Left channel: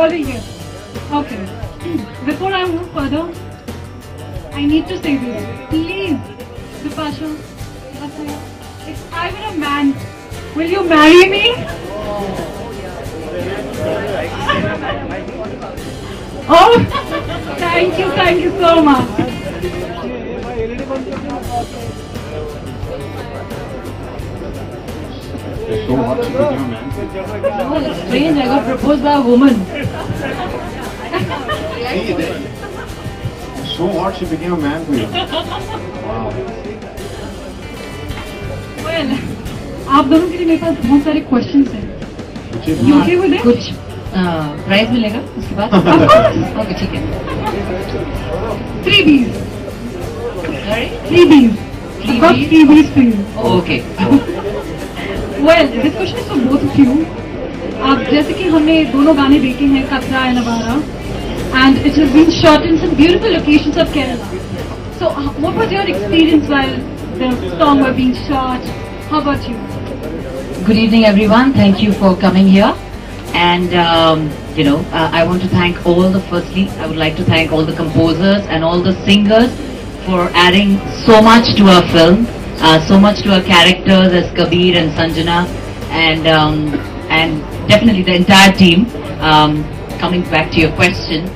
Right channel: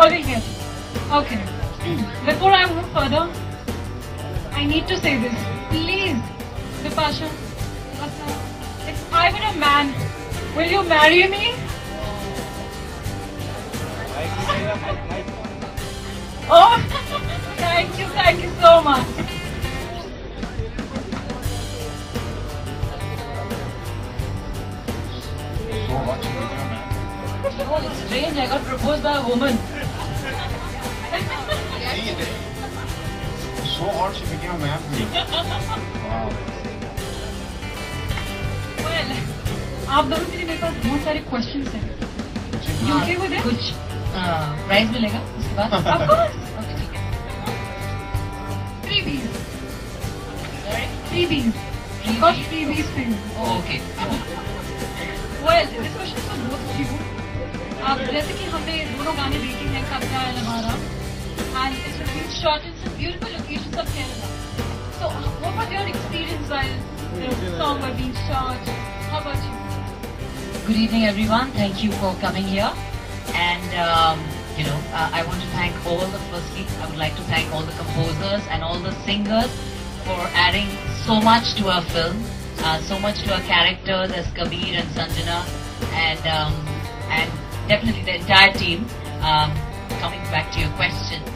holding it. Okay. Before I move further, I need to say this. Please, Vipasha, if I were a man, will you marry me? Oh, thank you so much. Oh, it's strange, I got proposed by a woman. So what? She became a man for you. Well, आप दोनों के लिए मेरे पास बहुत सारे questions हैं. You okay with it? कुछ prize मिलेगा उसके बाद? ओके ठीक है. 3 B's. Sorry? 3 B's. Got 3 B's for you. Okay. Well, this question is for both of you. आप जैसे कि हमने दोनों गाने देखे हैं, कतरा and Avara, and it has been shot in some beautiful locations of Kerala. So, what was your experience while the song were being shot? How about you? Good evening, everyone. Thank you for coming here. And I want to thank firstly, I would like to thank all the composers and all the singers for adding so much to our film, so much to our characters as Kabir and Sanjana, and definitely the entire team. Coming back to your question,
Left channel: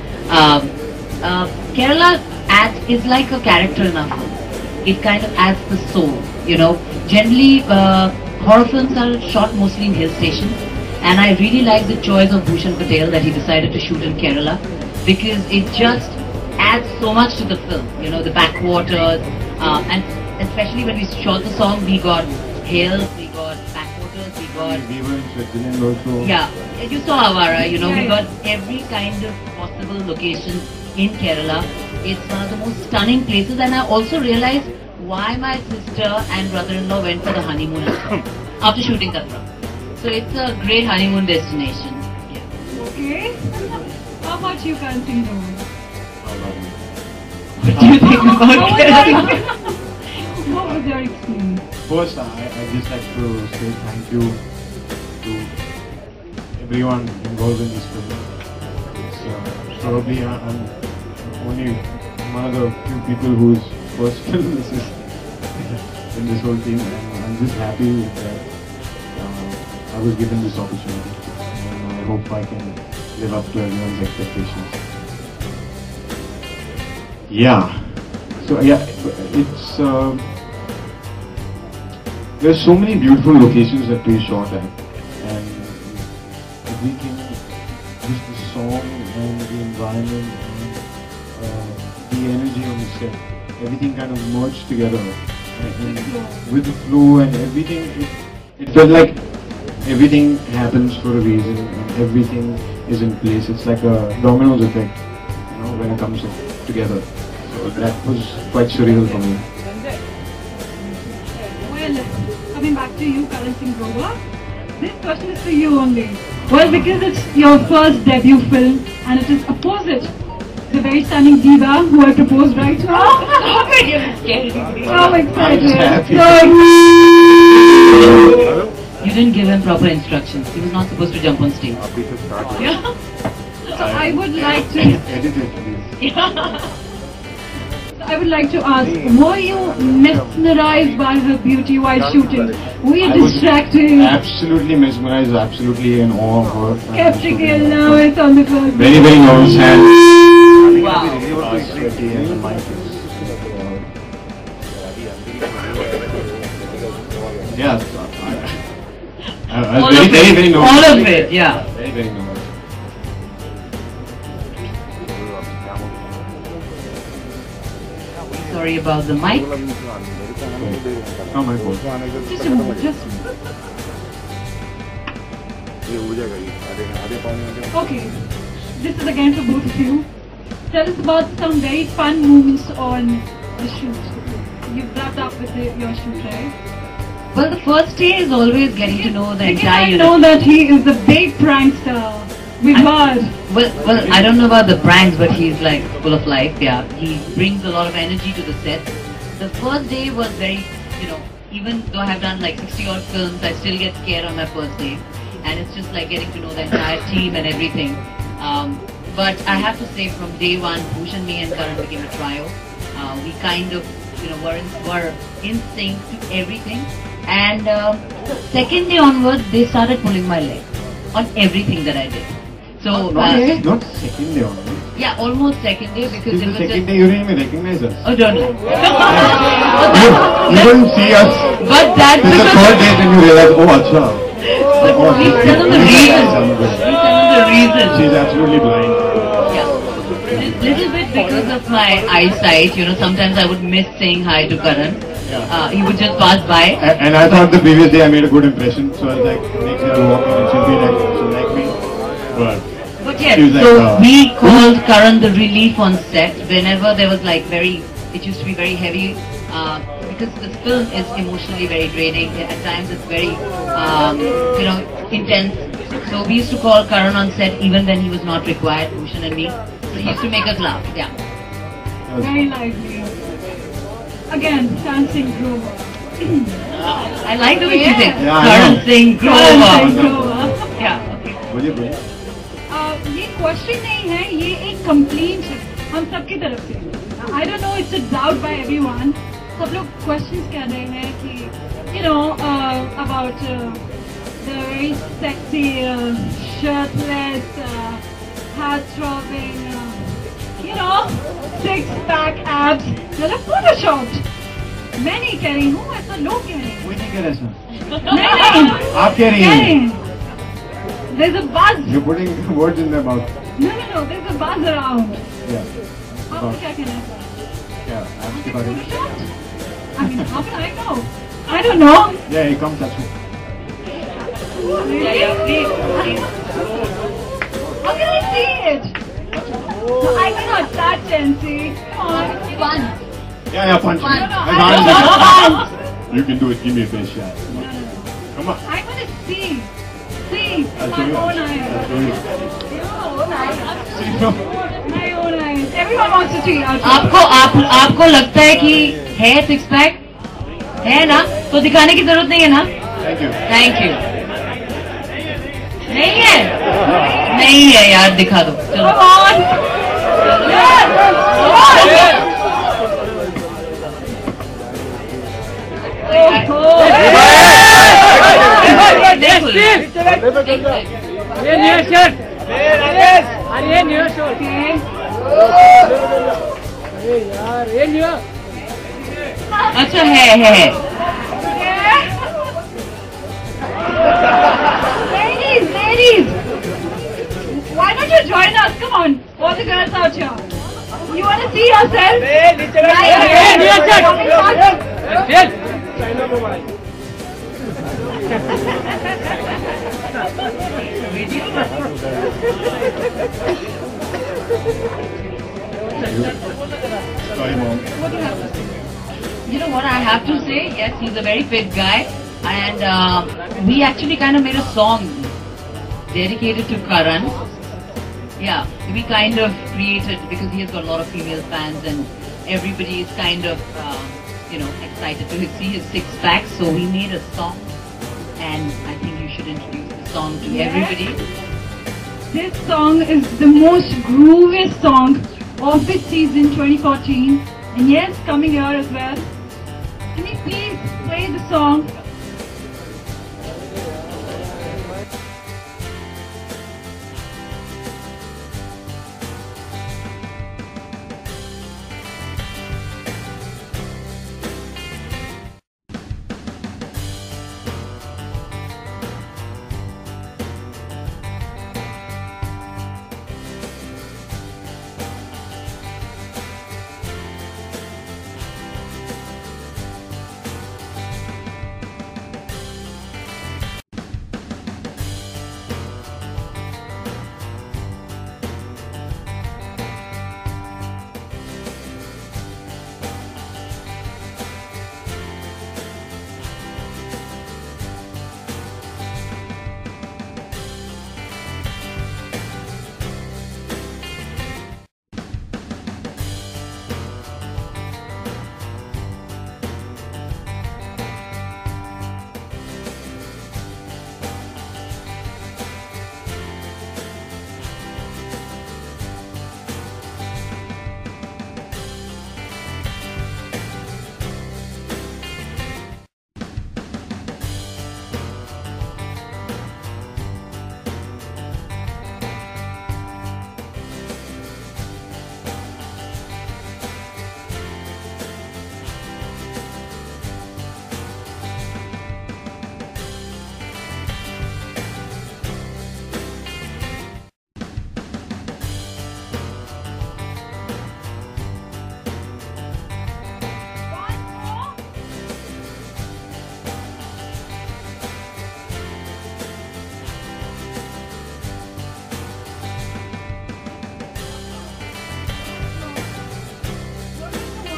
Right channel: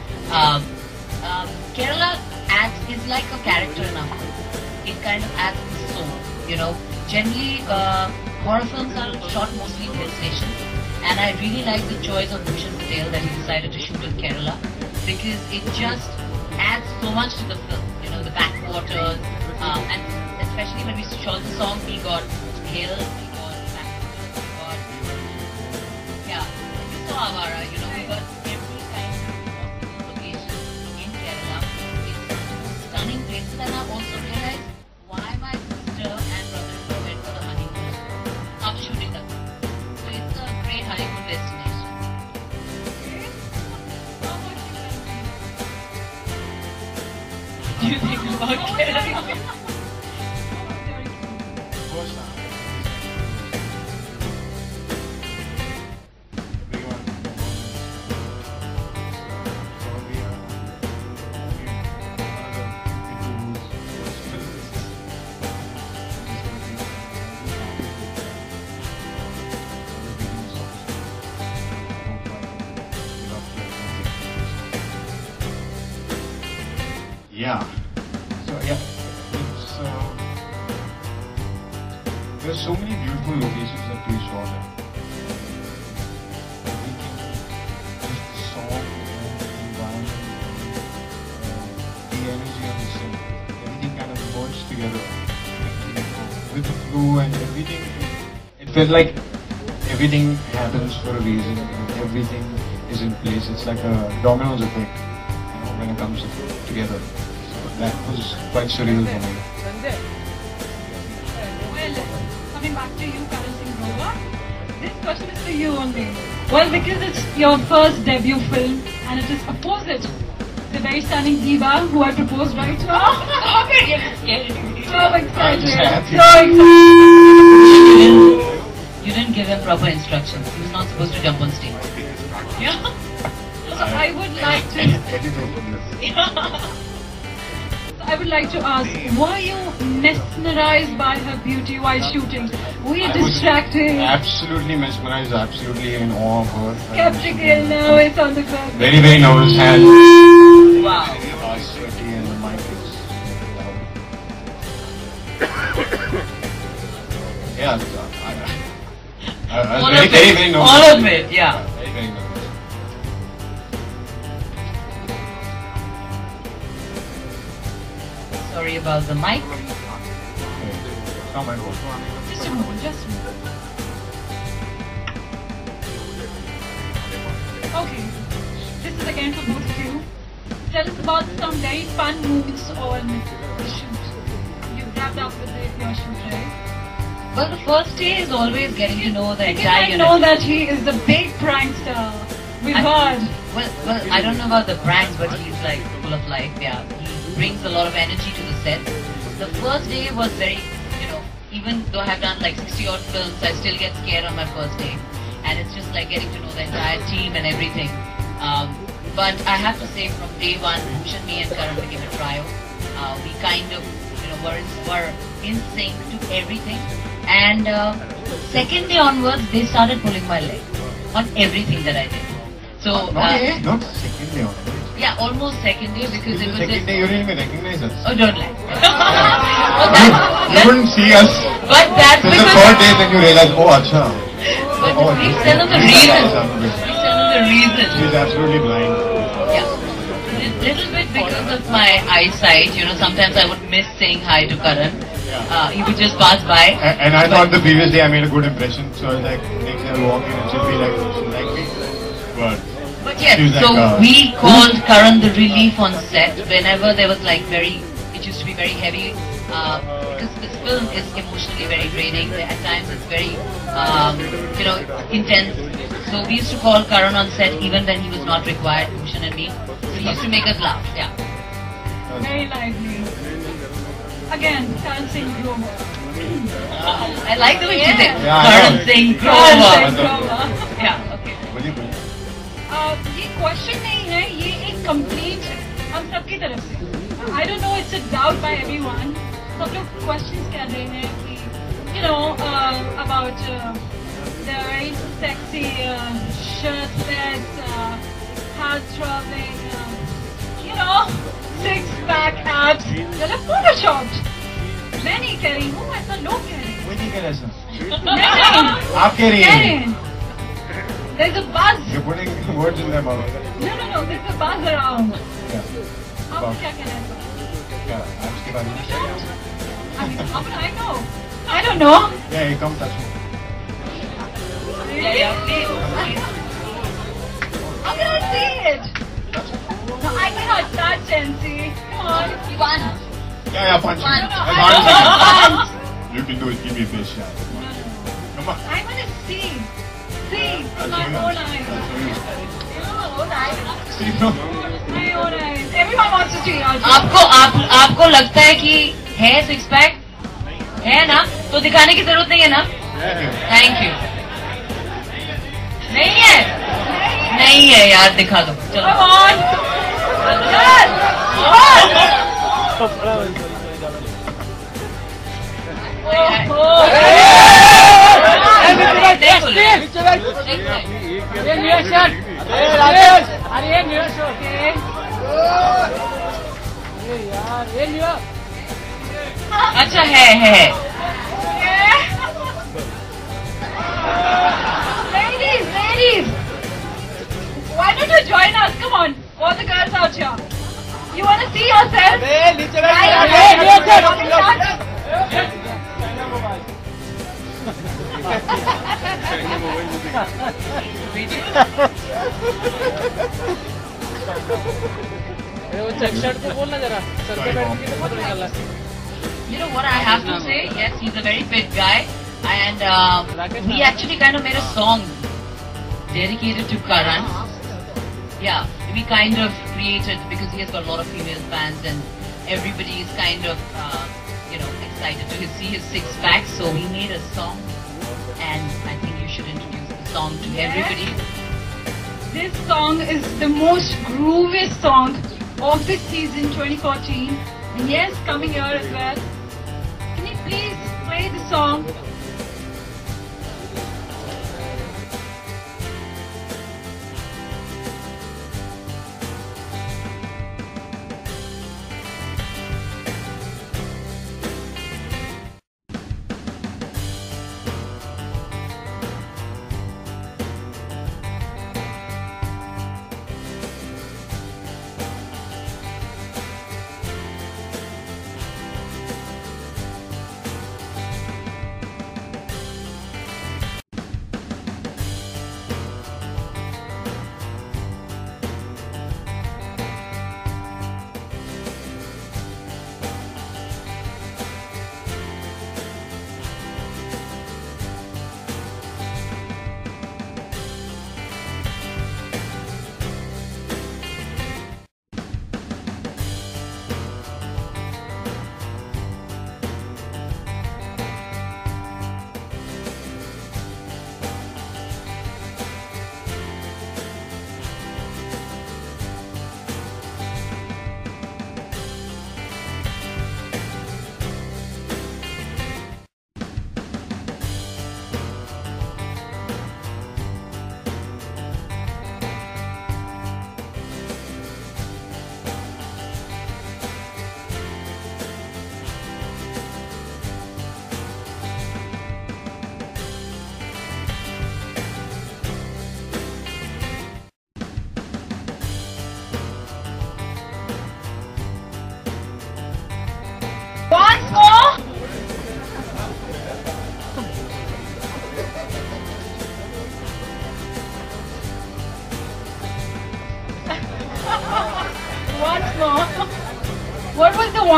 Kerala is like a character in our film. It kind of adds the soul, Generally, horror films are shot mostly in hill stations, and I really like the choice of Bhushan Patel that he decided to shoot in Kerala, because it just adds so much to the film, the backwaters, and especially when we shot the song, we got hills, we got backwaters, we got you saw Avara, we got every kind of possible location in Kerala. It's one of the most stunning places, and I also realized why my sister and brother-in-law went for the honeymoon after shooting that film. So it's a great honeymoon destination. Okay. How about you, Valentino? What do you think about Kerala? What was your experience? First, I just have to say thank you to everyone involved in this film. Probably I'm only one of the few people whose first film this is in this whole thing. I'm just happy that I was given this opportunity. I hope I can live up to everyone's expectations. Yeah. So it's there's so many beautiful locations that we shot at, and everything, just the song and the environment, the energy on the set, everything kind of merged together. With the flow and everything, it felt like everything happens for a reason. Everything is in place. It's like a dominoes effect, when it comes together. So that was quite surreal for me. Well, coming back to you, Karan Singh Grover, this question is for you only. Well, because it's your first debut film, and it is opposite the very stunning diva who I proposed right now. So excited. You didn't give him proper instructions. He was not supposed to jump on stage. Yeah. So I would like to. So I would like to ask, were you mesmerized by her beauty while shooting? Were you distracted? Absolutely mesmerized, absolutely in awe of her. Skeptical, no, it's on the clock. Very, very nervous. Wow. Yeah, I was very, very nervous. All of it, yeah. Very, very nervous. Sorry about the mic. Oh my God. Just a moment, Okay, this is again for both of you. Tell us about some very fun moments on the shoot. You've wrapped up with your shoot, right? Well, the first day is always getting to know the Because entire I unit. know that he is the big prankster. We've heard. Well, I don't know about the pranks, but he's like full of life. Yeah, he brings a lot of energy to the set. The first day was very, even though I have done like 60 odd films, I still get scared on my first day, and it's just like getting to know the entire team and everything. But I have to say, from day one, Bhushan, me and Karan became a trio. We kind of, were in sync to everything. And second day onwards, they started pulling my leg on everything that I did. So, Not second day only. yeah, almost second day because it was Second just. day you didn't even recognize us. Oh, don't lie. You wouldn't see us. But that's Till the because. third day then you realize, oh, acha. But please tell them the reason. Please tell them the reason. She's absolutely blind. Yeah. Little bit because of my eyesight, sometimes I would miss saying hi to Karan. He would just pass by. And I thought the previous day I made a good impression, so I was like, next time I walk in, it should be like, she'll like me. But yes, She was like, so we called Karan the relief on set whenever there was it used to be very heavy, because this film is emotionally very draining. At times it's very, intense. So we used to call Karan on set even when he was not required, Bhushan and me. So he used to make us laugh, yeah. Very lively. Again, dancing Grover. I like the way she said, Yeah, I Karan know. Singh Karan Grover. Singh Grover. Yeah, okay. What do you think? ये question नहीं है, ये एक complaint है हम सबकी तरफ से. I don't know, it's a doubt by everyone. सब लोग questions कर रहे हैं कि about the very sexy shirtless heart-throbbing six-pack abs. मतलब photoshopped. मैं नहीं कह रही हूँ, ऐसा लोग कह रहे हैं. कोई नहीं कह रहा ऐसा. नहीं. आप कह रही हैं. There's a buzz. You're putting words in their mouth. No, there's a buzz around. Yeah. आपको क्या कहना है? I mean, how can I know? I don't know. Yeah, he comes up. Yeah. How can I see it? I cannot touch and see. Come on. Yeah, punch. No, That's I don't hard. want. You can do it. Give me a fish. Yeah. Come on. I want to see. See, my own eyes. My own eyes. Everyone wants to see us. आपको लगता है कि है six pack है ना, तो दिखाने की जरूरत नहीं है ना. Thank you. Thank you. नहीं है यार, दिखा दो चलो. Come on. Yes. अच्छा है. Ladies, why don't you join us? Come on, all the girls out here. You want to see yourself? Sorry, Mom. You know what I have to say? Yes, he's a very fit guy, and we actually kind of made a song dedicated to Karan. Yeah, we kind of created, because he has got a lot of female fans and everybody is kind of, excited to see his six packs. So we made a song, and I think you should introduce the song to everybody. This song is the most grooviest song of this season 2014. And yes, coming here as well. Can you please play the song?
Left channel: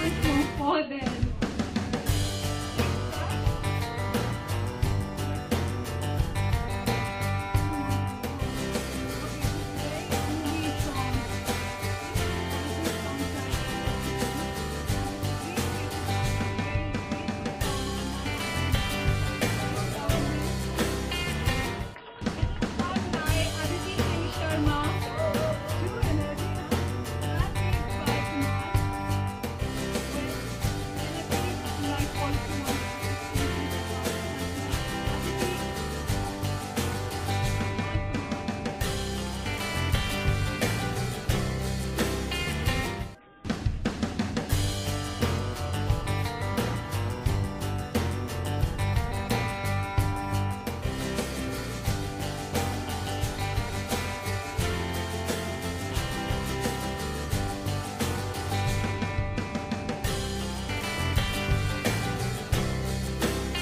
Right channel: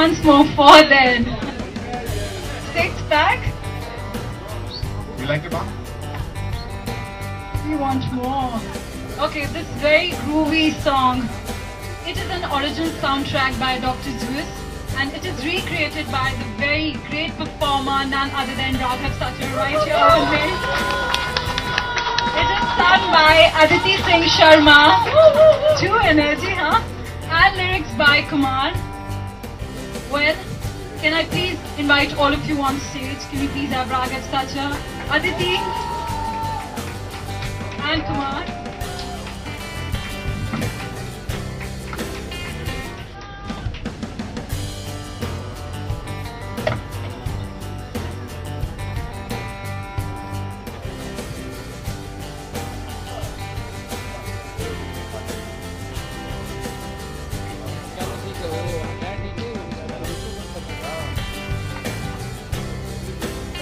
once more for then. Six back. You like it on? We want more. Okay, this very groovy song. It is an original soundtrack by Dr. Zeus, and it is recreated by the very great performer, none other than Raghav Sachin right here on stage. It is sung by Aditi Singh Sharma. Too energy, huh? And lyrics by Kumar. Well, can I please invite all of you on stage? Can you please have Raghav Sachin, Aditi, and Kumar?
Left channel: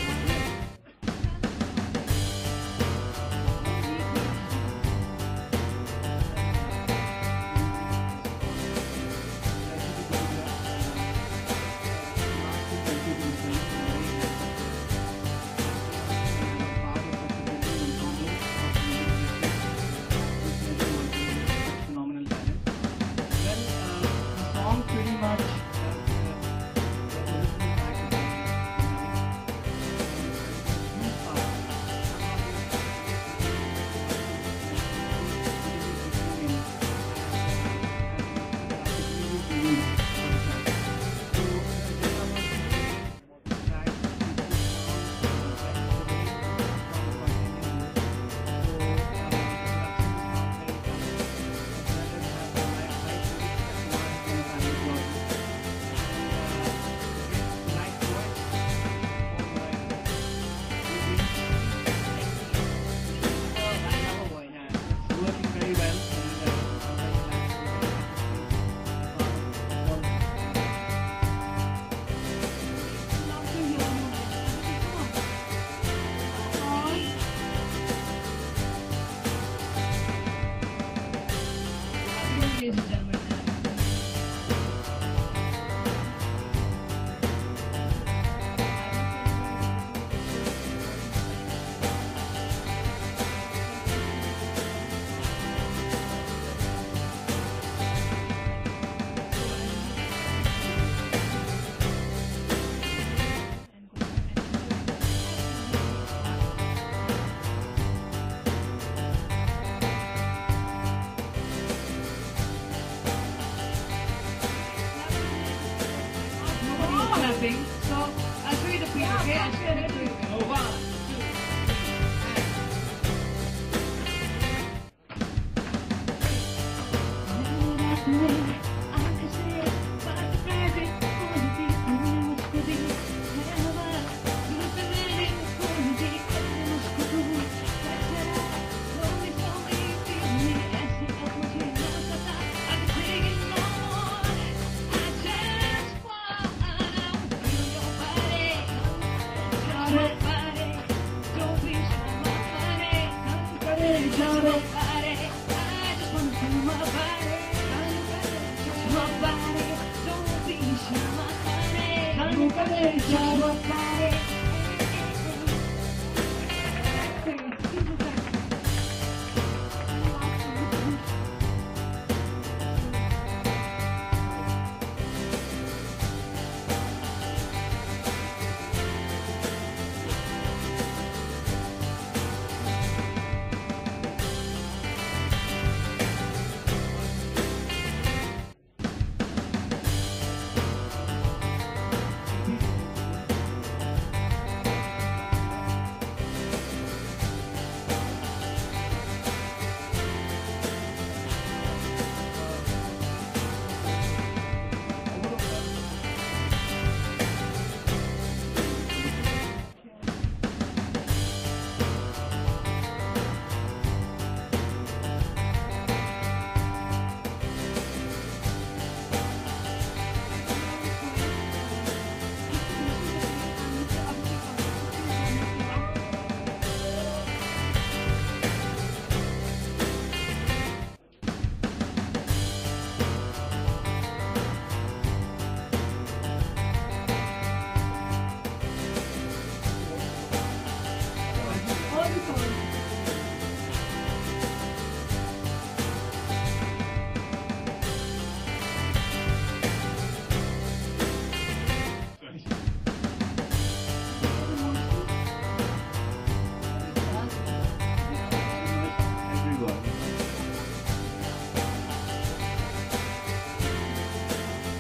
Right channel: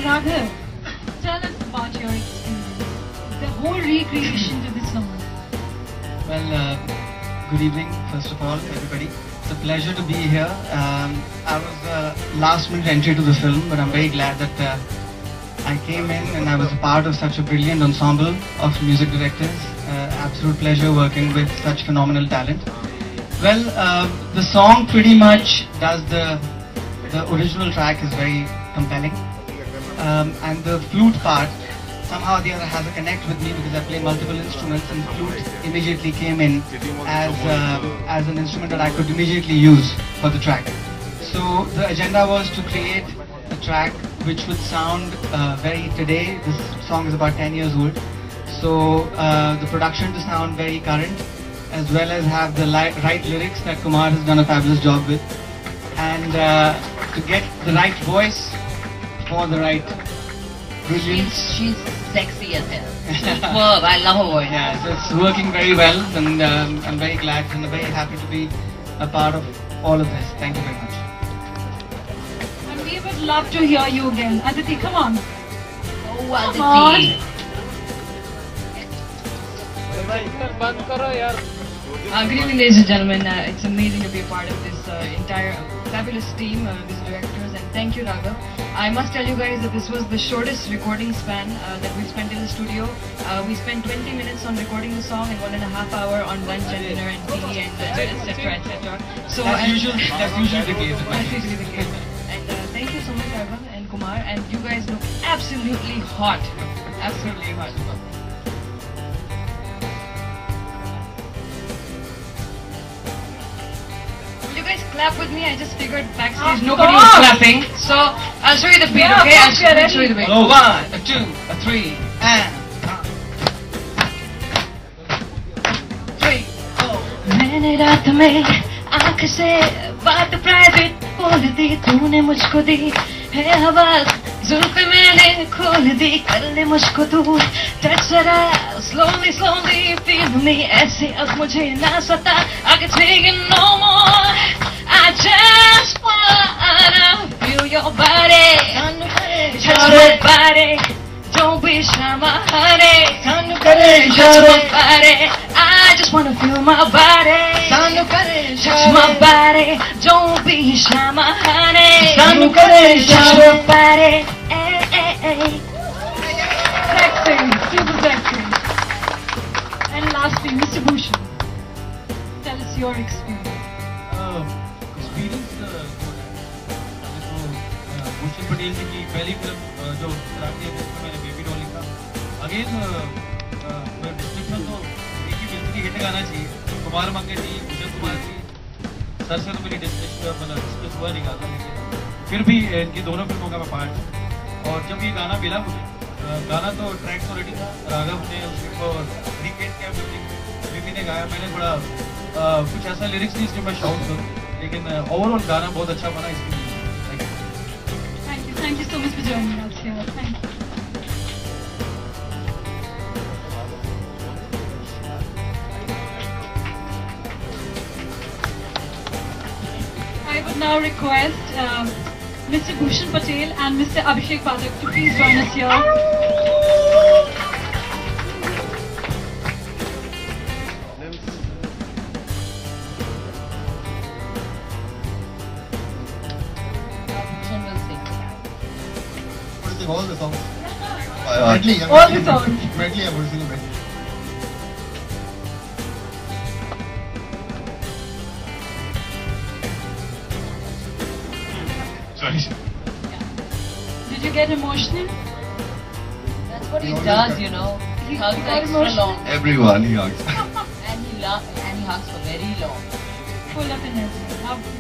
Raghav, tell us about your experience, the whole recreation of the song. Well, good evening, first of all, everybody. It's a pleasure to be here. I was last minute entry to the film, but I'm very glad that I came in and I was a part of such a brilliant ensemble of music directors. Absolute pleasure working with such phenomenal talent. Well, the song pretty much does the original track is very compelling. And the flute part somehow or the other has a connect with me because I play multiple instruments, and flute immediately came in as an instrument that I could immediately use for the track. So the agenda was to create a track which would sound very today. This song is about 10 years old, so the production to sound very current, as well as have the right lyrics that Kumar has done a fabulous job with, and to get the right voice for the right visuals. She's sexy as hell. Superb. I love her voice. Yeah, so it's working very well, and I'm very glad and I'm very happy to be a part of all of this. Thank you very much. And we would love to hear you again. Aditi, come on. Oh, Come on. Aditi. Good evening, ladies and gentlemen. It's amazing to be a part of this entire fabulous team of music directors, and thank you, Raghav. I must tell you guys that this was the shortest recording span that we spent in the studio. We spent 20 minutes on recording the song and 1.5 hours on lunch and dinner and tea and etc. etc. So That's usually the case. that's usually the case. And thank you so much, Arvind and Kumar, and you guys look absolutely hot. Absolutely hot. You guys clap with me. I just figured backstage nobody was clapping. So I'll show you the beat, Yeah, okay? of course, I'll you're show you the beat. Hello, 1, 2, 3, and. मैंने रात में आँख से बात private बोल दी, तूने मुझको दी है आवाज, जुल्फ मैंने खोल दी, कर ले मुझको तू टच जरा, slowly slowly feel me, ऐसे अब मुझे ना सता, I can take it no more, I just wanna feel your body, touch my body, don't be shy my honey, touch my body, I just wanna feel my body. Touch my body, don't be shy, my honey. Touch my body, Sexy, super sexy. And lastly, Mr. Bhushan, tell us your experience. फिर भी इनकी दोनों फिल्मों का मैं part, और जब ये गाना मिला मुझे, गाना तो ट्रैक ऑलरेडी था, गाना मुझे उसको रिक्वेस्ट किया, फिल्मी ने गाया, मैंने थोड़ा कुछ ऐसा लिरिक्स नहीं इसमें मैं शौक करूँ, लेकिन ओवरऑल गाना बहुत अच्छा बना है। Thank you so much for joining us here. Thank you. I would now request Mr. Bhushan Patel and Mr. Abhishek Patel to please join us here. medley. All the songs. Medley, I would say. Sorry. Did you get emotional? That's what he does, you know. He hugs extra long. Everyone, he hugs. And he laughs and he hugs for very long. Full of energy.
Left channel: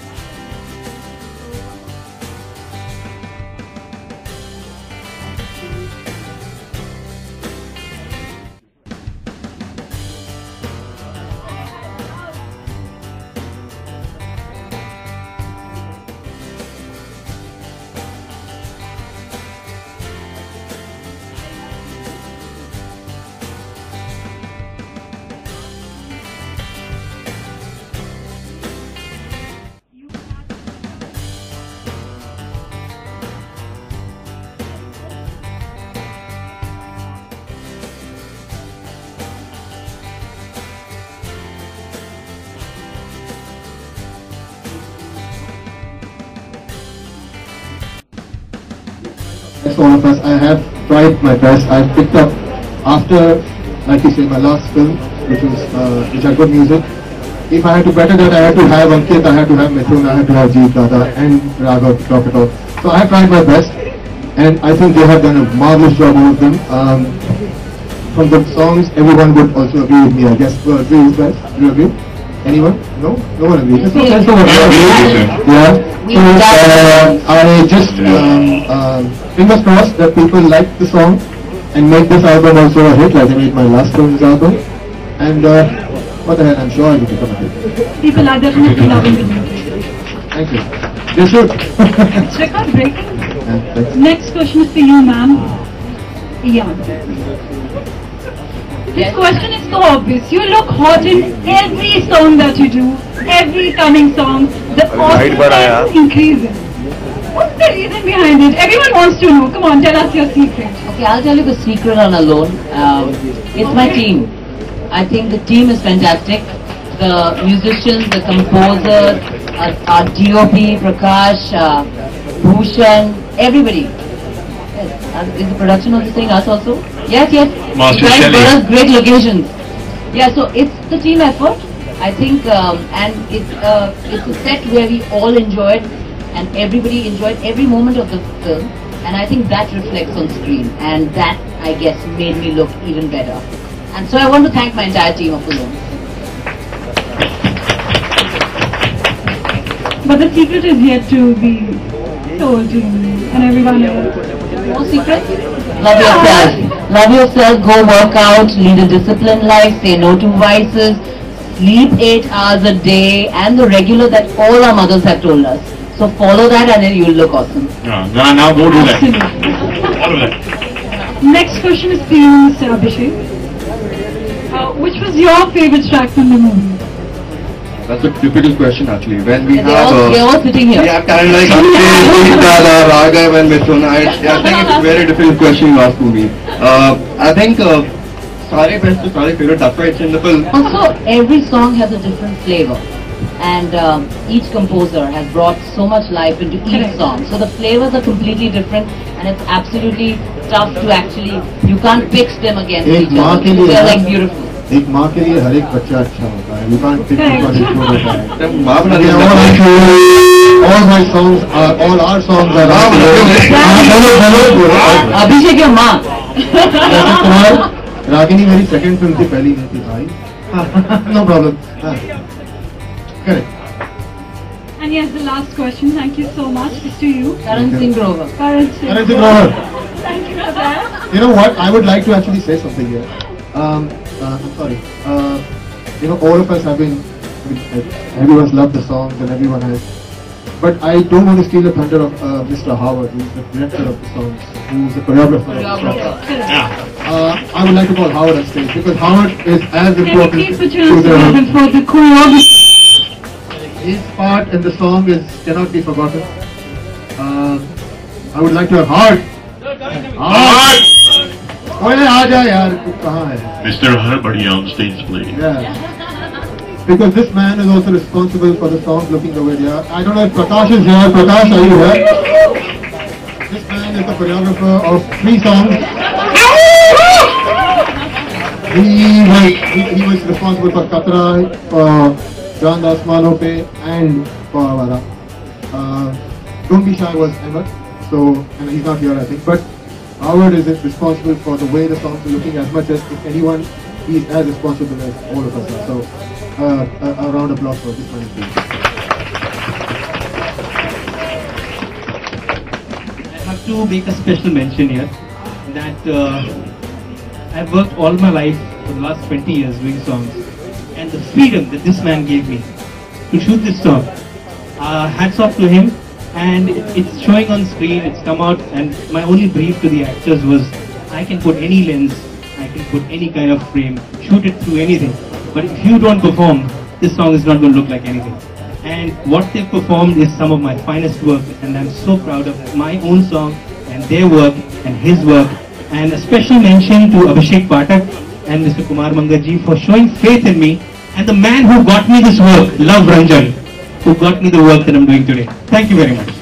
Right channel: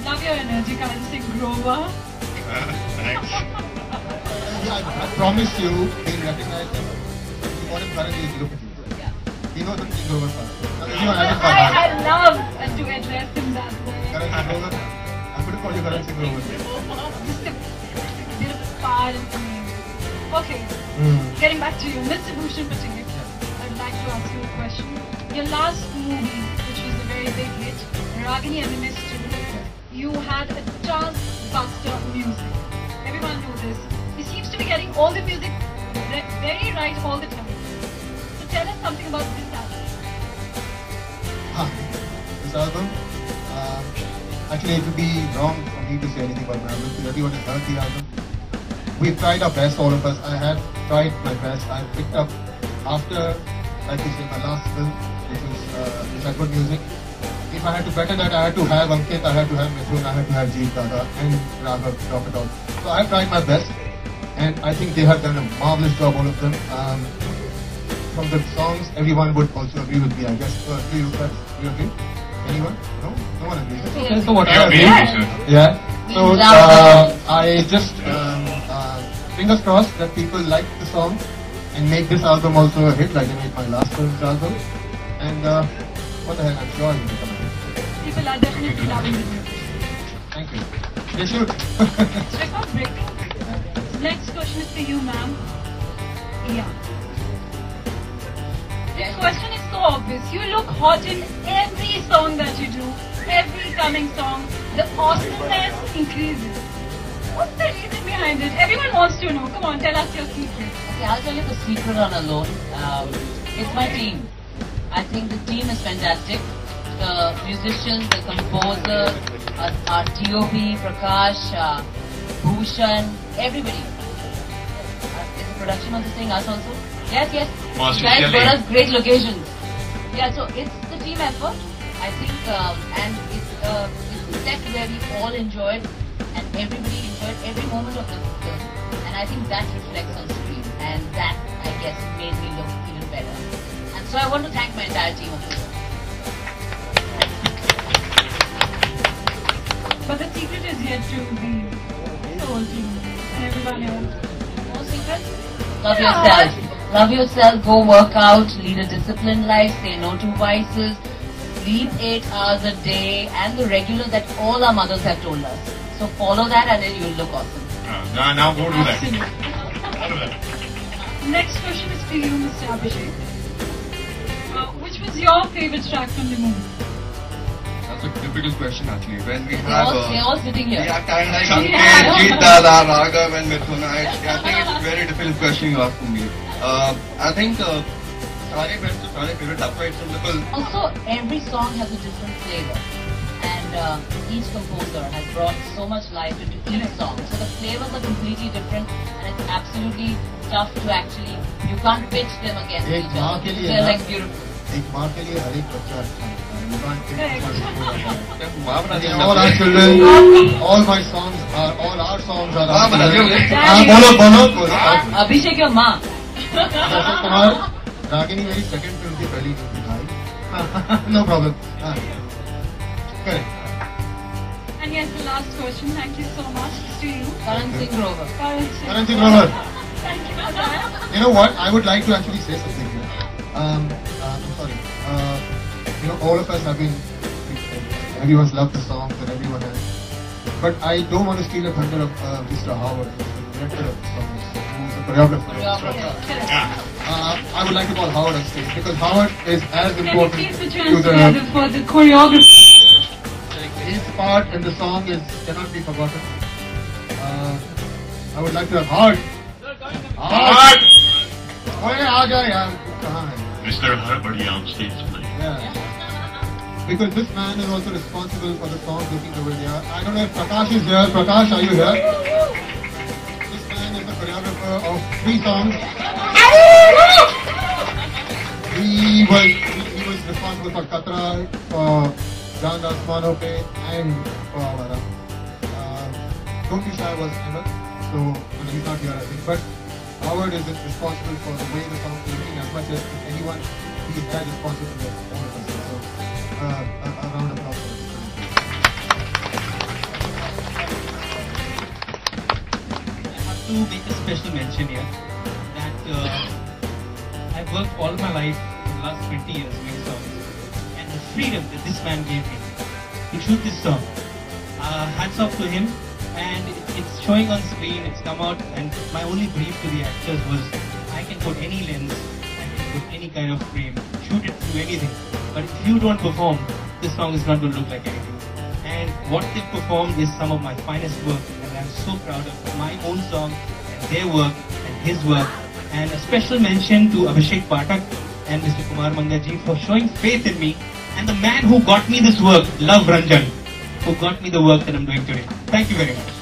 Love your energy, Kartik Grover. Thanks. I promise you, in recognizing what is currently look. You know the Grover. You know, I love and to address him that. Karan Singh Grover. I'm going to call you Karan Singh Grover. Okay, getting back to you, let's illusion particularly. I'd like to ask you a question. Your last movie, which was a very big hit, Ragini and the Mist, you had a chance to cast of music. Everyone knows this. He seems to be getting all the music very right all the time. So tell us something about this album. This album, actually it would be wrong for me to say anything about the album. Everyone has heard the album. We've tried our best, all of us. I have tried my best. I've picked up after, like you say, my last film, which had good music. If I had to better that, I had to have Ankit, I had to have Mithun, I had to have Jeet Dada and Raghav to top it all. So I have tried my best, and I think they have done a marvelous job, all of them. From the songs, everyone would also agree with me, I guess. Agree with guys? Do you agree? Anyone? No? No one agrees. That's no one agrees. Yeah. So, I just fingers crossed that people like the song and make this album also a hit, like I made my last film's album. And what the hell, I'm sure I will become a hit. People are definitely loving the music. Thank you. They should. It's record breaking. And Next question is for you, ma'am. Ian. This question is so obvious. You look hot in every song that you do, every coming song. The awesomeness increases. What's the reason behind it? Everyone wants to know. Come on, tell us your secret. Okay, I'll tell you the secret on Alone. It's my team. I think the team is fantastic. The musicians, the composer, our DOP, Prakash, Bhushan, everybody. Is the production of this thing us also? Yes, yes. Master You guys Shelley. got us great locations. Yeah, so it's the team effort. I think, and it's a set where we all enjoyed, and everybody enjoyed every moment of the film. And I think that reflects on screen, and that, I guess, made me look even better. And so I want to thank my entire team of Alone. But the secret is yet to be told to me and everyone else. No secret? Love yourself. Love yourself, go work out, lead a disciplined life, say no to vices, sleep 8 hours a day, and the regular that all our mothers have told us. So follow that and then you'll look awesome. Now go do that. Absolutely. All of that. Next question is for you, Mr. Abhishek. Which was your favorite track from the movie? That's a difficult question actually. When we They're all sitting here. we have kind of like Ankit, Jeet Dada, Raghav and Mithun. I think it's a very difficult question you asked me. I think Sare best to Sare favorite, that's why it's in the film. Also, every song has a different flavor. And each composer has brought so much life into each Correct. song. So the flavors are completely different and it's absolutely tough to actually, you can't pitch them against एक each माँ other. के लिए They're ना, like beautiful. एक माँ के लिए हर एक बच्चा अच्छा होता है. You can't pick Correct. one issue होता है. जब माँ बना Okay, दिया all my songs are, all our songs are. हाँ, बोलो. Abhishek, your ma. रागिनी मेरी सेकंड फिल्म थी, पहली नहीं थी भाई. No problem. Correct. And yes, the last question. Thank you so much. It's to you. Karan Singh Grover. Karan Singh. Karan Singh Grover. Thank you for that. You know what? I would like to actually say something here. I'm sorry. You know, all of us have been, everyone's loved the songs and everyone has. But I don't want to steal the thunder of Mr. Howard, who is the director of the songs, who is the choreographer of the songs. I would like to call Howard on stage because Howard is as Can you important please put your to hands together the. for the choreography? His part in the song cannot be forgotten. I would like to have Howard. Howard! ओए आ जा यार, तू कहाँ है? Mr. Harbadi on stage, please. Yeah. Because this man is also responsible for the songs looking the way they are. I don't know if Prakash is here. Prakash, are you here? This man is the choreographer of 3 songs. responsible for Katra, Jaan Asmano Pe, and Wala. Don't Be Shy was Ahmed, so and he's not here, I think. But Howard is responsible for the way the songs are looking as much as if anyone. He's as responsible as all of us are. So a round of applause for this one. I have to make a special mention here that I've worked all my life for the last 20 years doing songs, and the freedom that this man gave me to shoot this song, hats off to him. And it's showing on screen, it's come out, and my only brief to the actors was, I can put any lens, I can put any kind of frame, shoot it through anything, but if you don't perform, this song is not going to look like anything. And what they've performed is some of my finest work, and I'm so proud of my own song and their work and his work. And a special mention to Abhishek Pathak and Mr. Kumar Mangaji for showing faith in me, and the man who got me this work, Love Ranjan, who got me the work that I'm doing today. Thank you very much.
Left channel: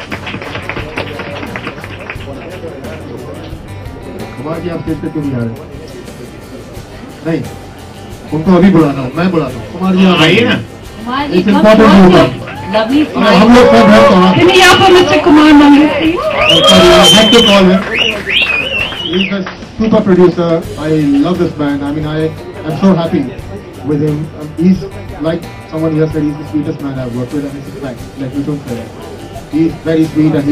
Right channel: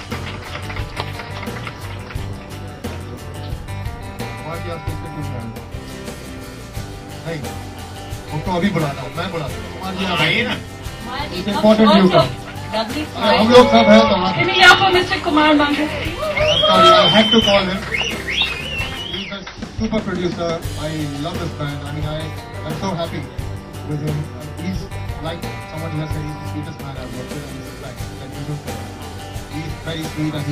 Kumar ji आप stage पे क्यों नहीं आ रहे? नहीं, उनको अभी बुलाना है, मैं बुलाता हूँ। कुमार जी आप आइए ना। It's important to know. Lovely. हम लोग सब हैं तो आप। Can we hear from Mr. Kumar Mangaji? Sorry, I had to call him. He's a super producer. I love this band. I mean, I'm so happy with him. He's like someone here said, he's the sweetest man I've worked with, and it's like you don't say. He's very sweet, and I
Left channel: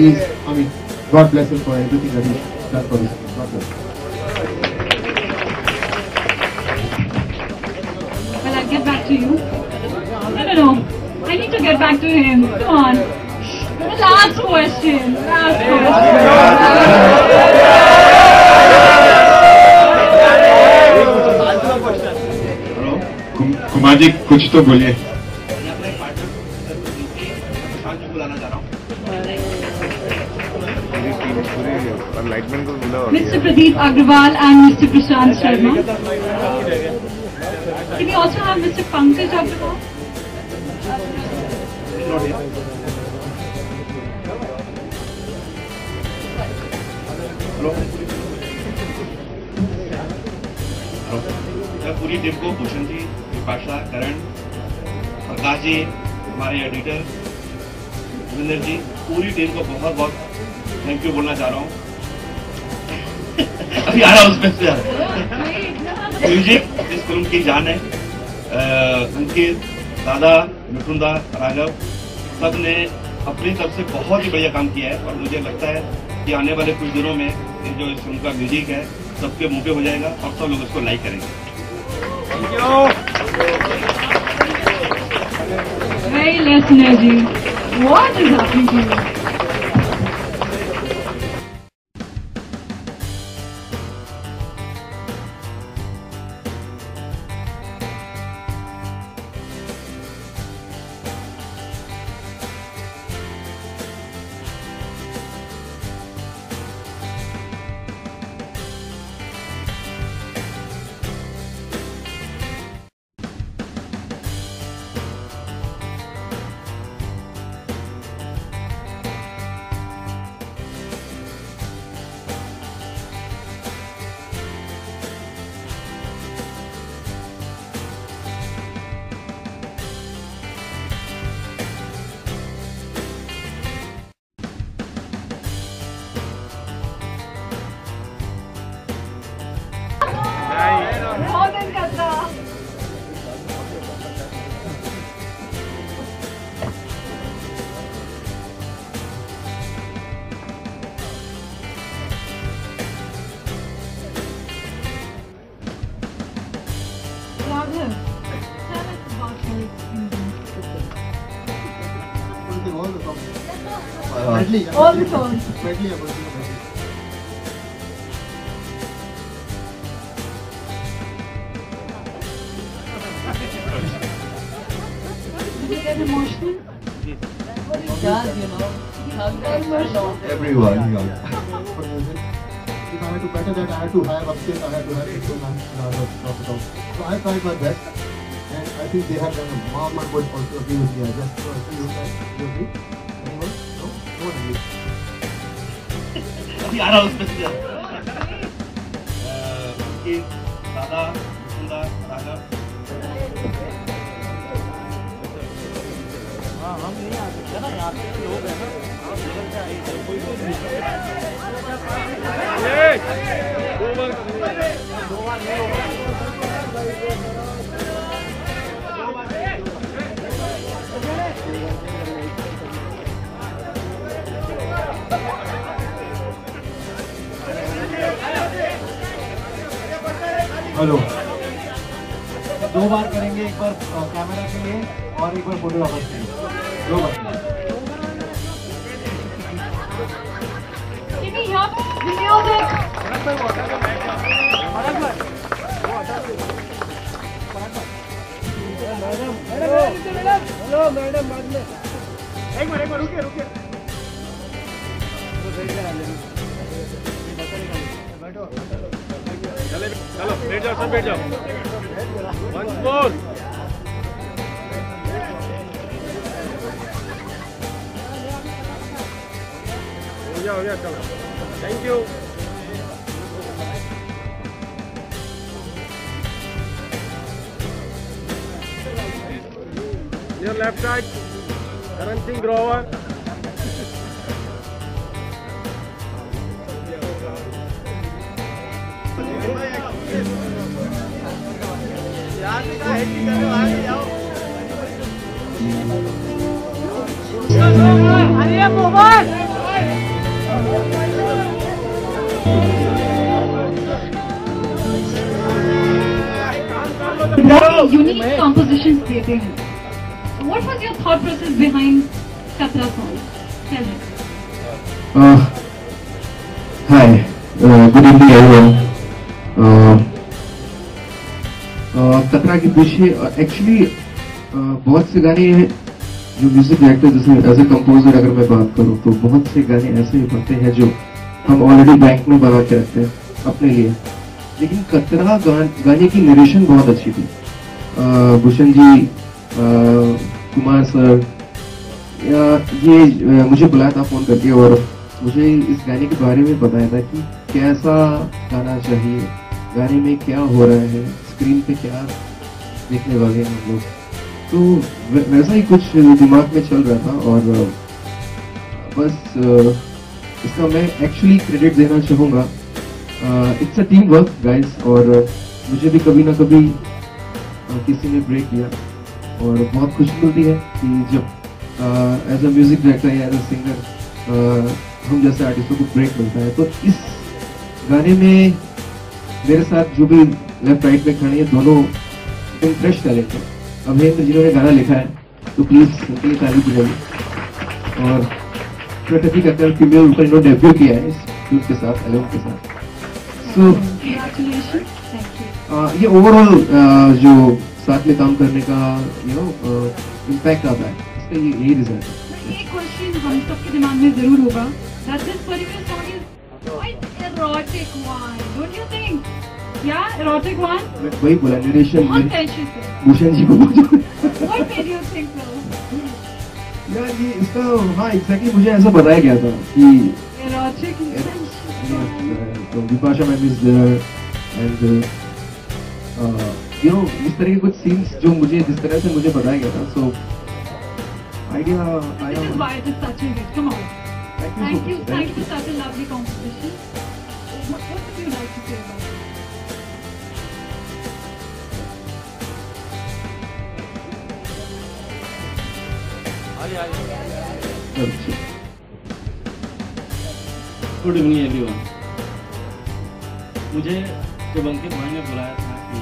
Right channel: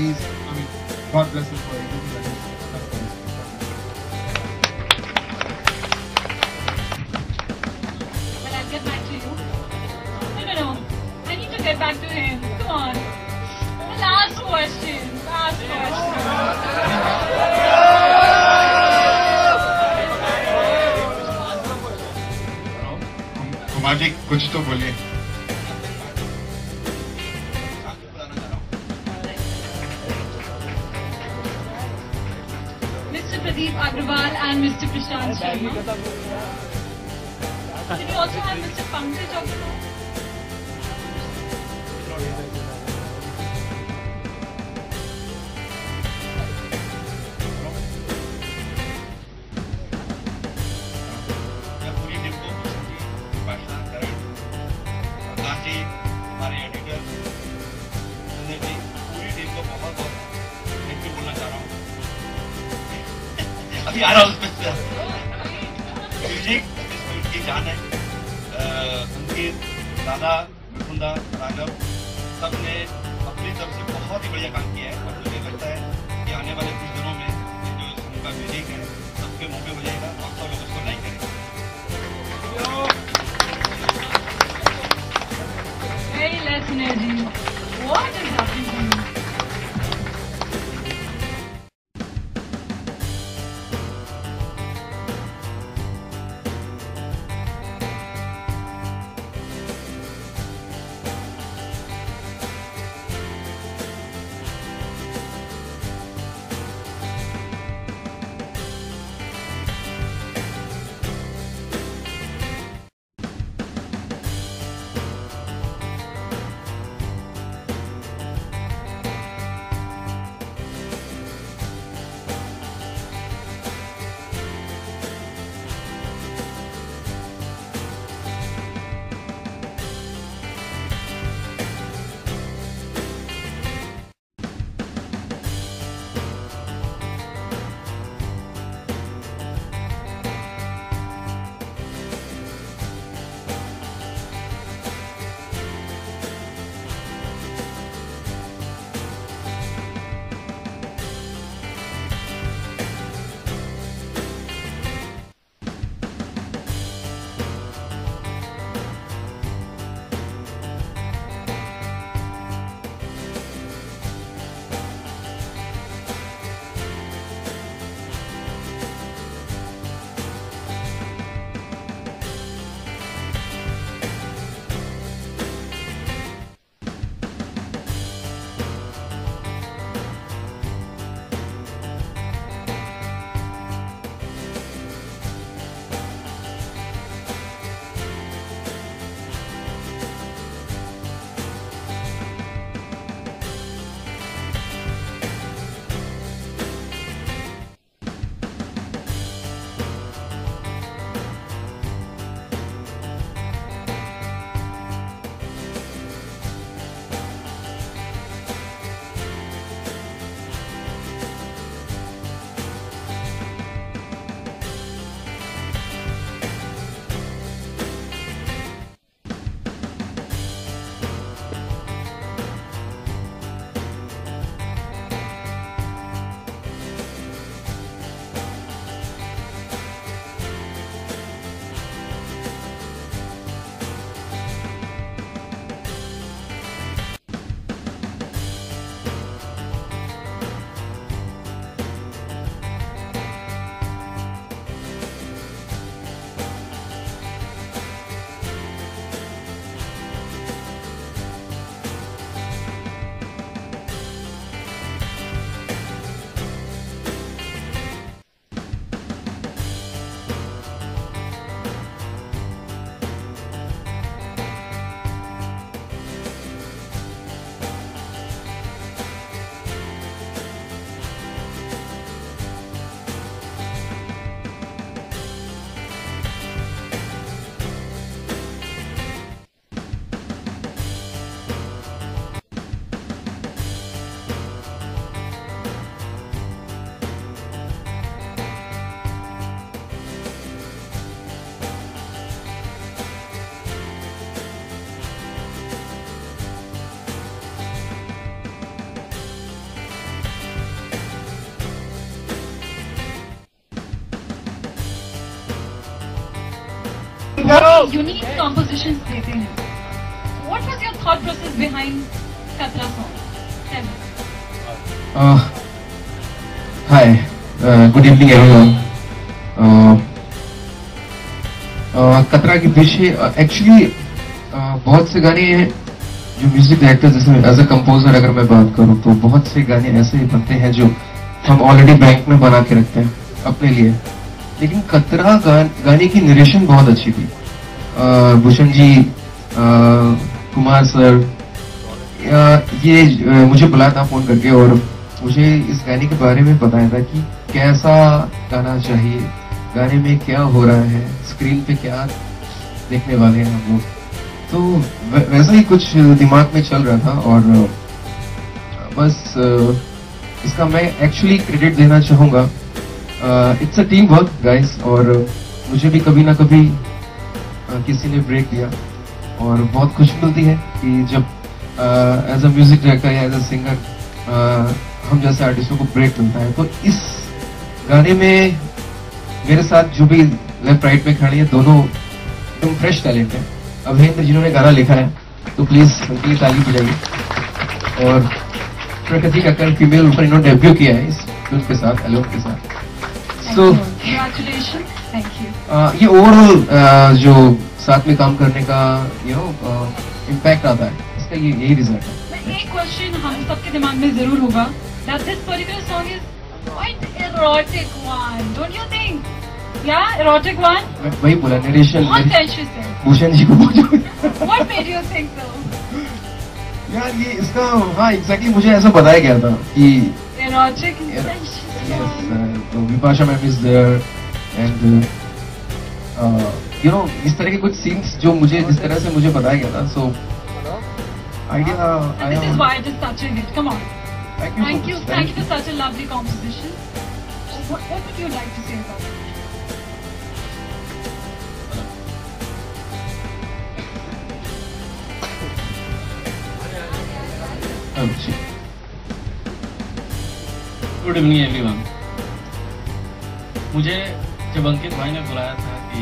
mean, God bless him for everything that he's done for us. God bless him. Well, I'll get back to you. No. I need to get back to him. Come on. Last question. Kumar ji कुछ तो बोलिए। Mr. Pradeep Agrawal and Mr. Prashant Sharma. Can we also have Mr. Pankaj Agrawal? मैं पूरी team को भूषण जी, पाशा, करण, प्रकाश जी, हमारे editor, Surendra जी, पूरी team को बहुत बहुत थैंक यू बोलना चाह रहा हूँ। अभी आ रहा हूँ उसमें से। म्यूजिक इस फिल्म की जान है। उनके दादा मिठुंदा, राघव सब ने अपनी तरफ से बहुत ही बढ़िया काम किया है, और मुझे लगता है कि आने वाले कुछ दिनों में जो इस फिल्म का म्यूजिक है सबके मुंह पे हो जाएगा और सब लोग इसको लाइक करेंगे। Very less energy. What is happening to you? All the songs. Emotional? Everyone, If I had to better that, I had to hire upstairs, I had to hire 8 months. So I tried my best, and I think they have done all my work also previously. अभी आ रहा हूँ उसमें से। उनके दादा मिठुंदा, राघव चलो 2 बार करेंगे, एक बार कैमरा के लिए और एक बार फोटोग्राफर के लिए, 2 बार। Give me your music. Thank you. Your left side, Karan Singh Grover. Unique compositions देते हैं. So what was your thought process behind Katra song? Tell me. Hi, good evening everyone. कतरा के पीछे एक्चुअली बहुत से गाने जो म्यूजिक डायरेक्टर, जैसे एज ए कंपोजर अगर मैं बात करूं तो बहुत से गाने ऐसे बनते हैं जो हम ऑलरेडी बैंक में बना के रखते हैं अपने लिए, लेकिन कतरा गाने की नरेशन बहुत अच्छी थी. भूषण जी, कुमार सर, ये मुझे बुलाया था फोन करके और मुझे इस गाने के बारे में बताया था कि कैसा गाना चाहिए, गाने में क्या हो रहा है, स्क्रीन पे क्या देखने वाले हैं हम लोग. तो वैसा ही कुछ दिमाग में चल रहा था और बस इसका मैं एक्चुअली क्रेडिट देना चाहूँगा. It's a team work guys, और मुझे भी कभी ना कभी किसी ने ब्रेक दिया और बहुत खुशी मिलती है कि जब एज अ म्यूजिक डायरेक्टर या एज अ सिंगर हम जैसे आर्टिस्टों को ब्रेक मिलता है. तो इस गाने में मेरे साथ जो भी लेफ्ट राइट में खड़े हैं दोनों फ्रेश टैलेंट है. अभिनेत्री जिन्होंने गाना लिखा है तो प्लीज उनके लिए ताली की जाएगी. और प्रकृति का कल फीमेल ऊपर इन्होंने डेब्यू किया है इस फिल्म के साथ, एलोन के साथ. सो ये ओवरऑल जो साथ में काम करने का इम्पैक्ट आता है, इसका यही रिजल्ट है. एक क्वेश्चन हम सबके दिमाग में जरूर होगा, that this particular song is quite erotic one, don't you think? Yeah, erotic one. वही बोला, नरेशन बहुत conscious है. भूषण जी को पूछो. What made you think so? यार ये इसका, हाँ एग्जैक्टली मुझे ऐसा बताया गया था कि Erotic. Vipasha ma'am is there and इस तरह के कुछ सीन्स जो मुझे जिस तरह से मुझे बताया गया था. So idea This is why it is such a hit. Come on. Thank you for such a lovely composition. What would you like to say about it? Good evening everyone. मुझे जब अंकित भाई ने बुलाया था कि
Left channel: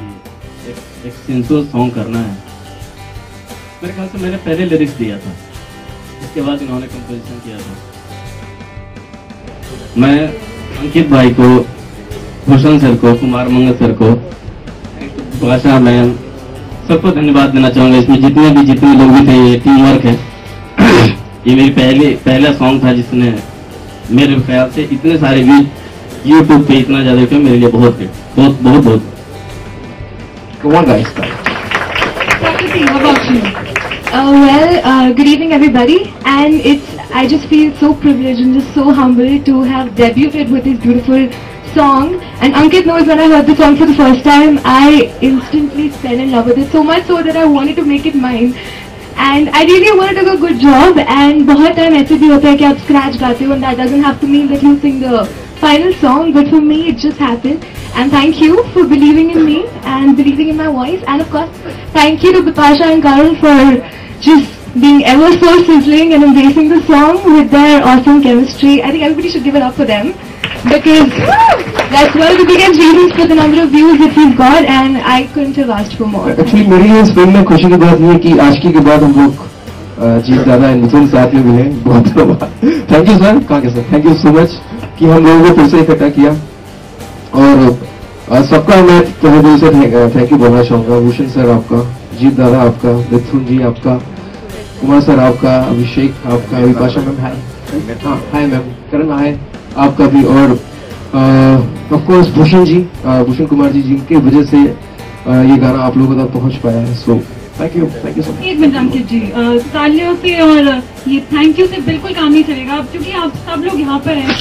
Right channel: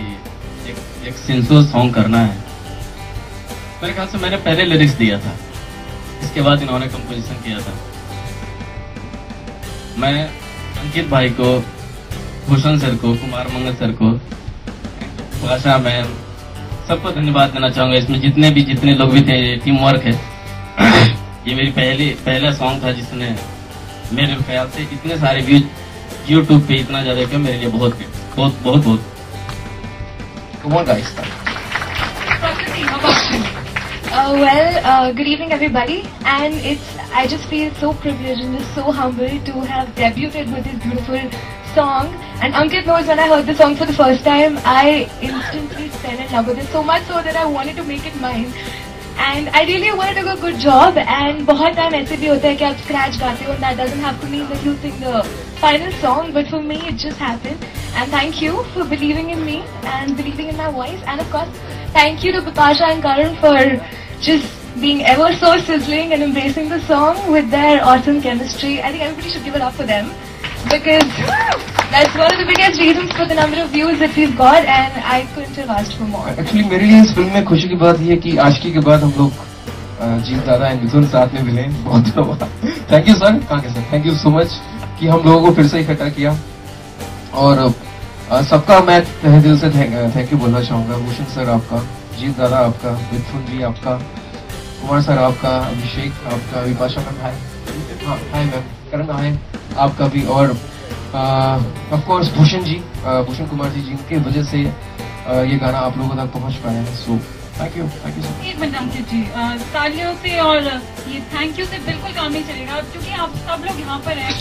एक सेंसुअल सॉन्ग करना है, मेरे ख्याल से मैंने पहले लिरिक्स दिया था, इसके बाद इन्होंने कंपोजिशन किया था. मैं अंकित भाई को, भूषण सर को, कुमार मंगल सर को, भाषा मैम, सबको धन्यवाद देना चाहूँगा. इसमें जितने लोग भी थे, ये टीम वर्क है. ये मेरी पहला सॉन्ग था जिसने मेरे ख्याल से इतने सारे व्यूज यूट्यूब पे इतना ज्यादा क्यों, मेरे लिए बहुत बहुत. Come on guys. Prakriti, how about you? Good evening everybody, and I just feel so privileged and just so humbled to have debuted with this beautiful song. And Ankit knows, when I heard the song for the first time, I instantly fell in love with it, so much so that I wanted to make it mine. And I really wanted to do a good job. And बहुत time ऐसे भी होता है कि आप scratch गाते हो, and that doesn't have to mean that you sing the final song. But for me, it just happened. And thank you for believing in me and believing in my voice. And of course, thank you to Bipasha and Karan for just being ever so sizzling and embracing the song with their awesome chemistry. I think everybody should give it up for them. because that's one of the biggest reasons for the number of views that we've got, and I couldn't have asked for more. Actually मेरे लिए इस film में खुशी की बात ये है कि आशिकी के बाद हम लोग जीत दादा एंड साथ में मिले। बहुत थैंक यू सर, कहाँ के sir, thank you so much कि हम लोगों को फिर से इकट्ठा किया। और सबका मैं तहे दिल से थैंक यू बोलना चाहूँगा। भूषण सर आपका, जीत दादा आपका, मिथुन जी आपका, कुमार सर आपका, अभिषेक आपका, विपाशा मैम हाय मैम, करण हाय आपका भी, और ऑफ कोर्स भूषण जी, भूषण कुमार जी जिनके वजह से ये गाना आप लोगों तक पहुंच पाया है। So thank you so much. एक मिनट अंकित जी, तालियों से और ये थैंक यू से बिल्कुल काम नहीं चलेगा अब, क्योंकि आप सब लोग यहाँ पर हैं।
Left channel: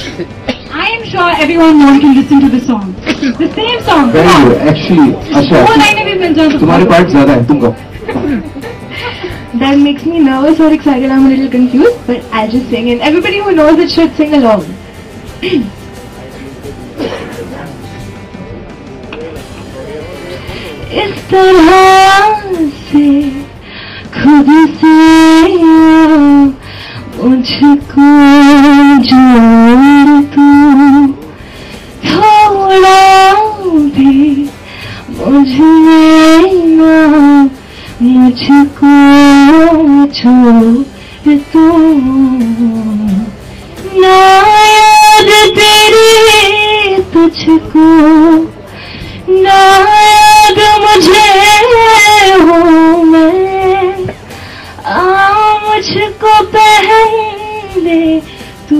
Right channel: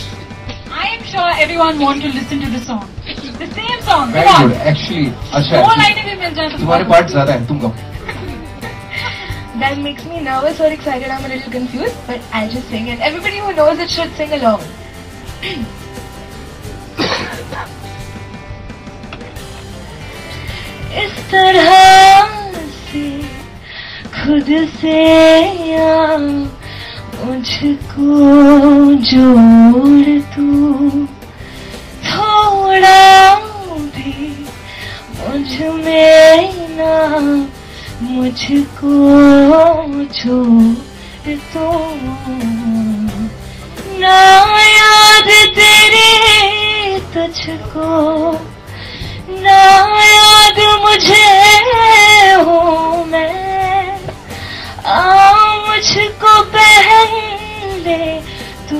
I am sure everyone known can listen to the song, the same song. Very good, actually, अच्छा, वो लाइनें भी मिल जाए तुम्हारे पार्ट ज्यादा है, तुम गाओ। That makes me nervous or excited. I'm a little confused, but I'll just sing, and everybody who knows it should sing along. इस तरह से खुद से मुझको जोड़ तू, थोड़ा भी मुझ में ना मुझको छोड़ तू, ना याद तेरी तुझको, ना याद मुझे हूँ मैं, मुझको पहन ले तू,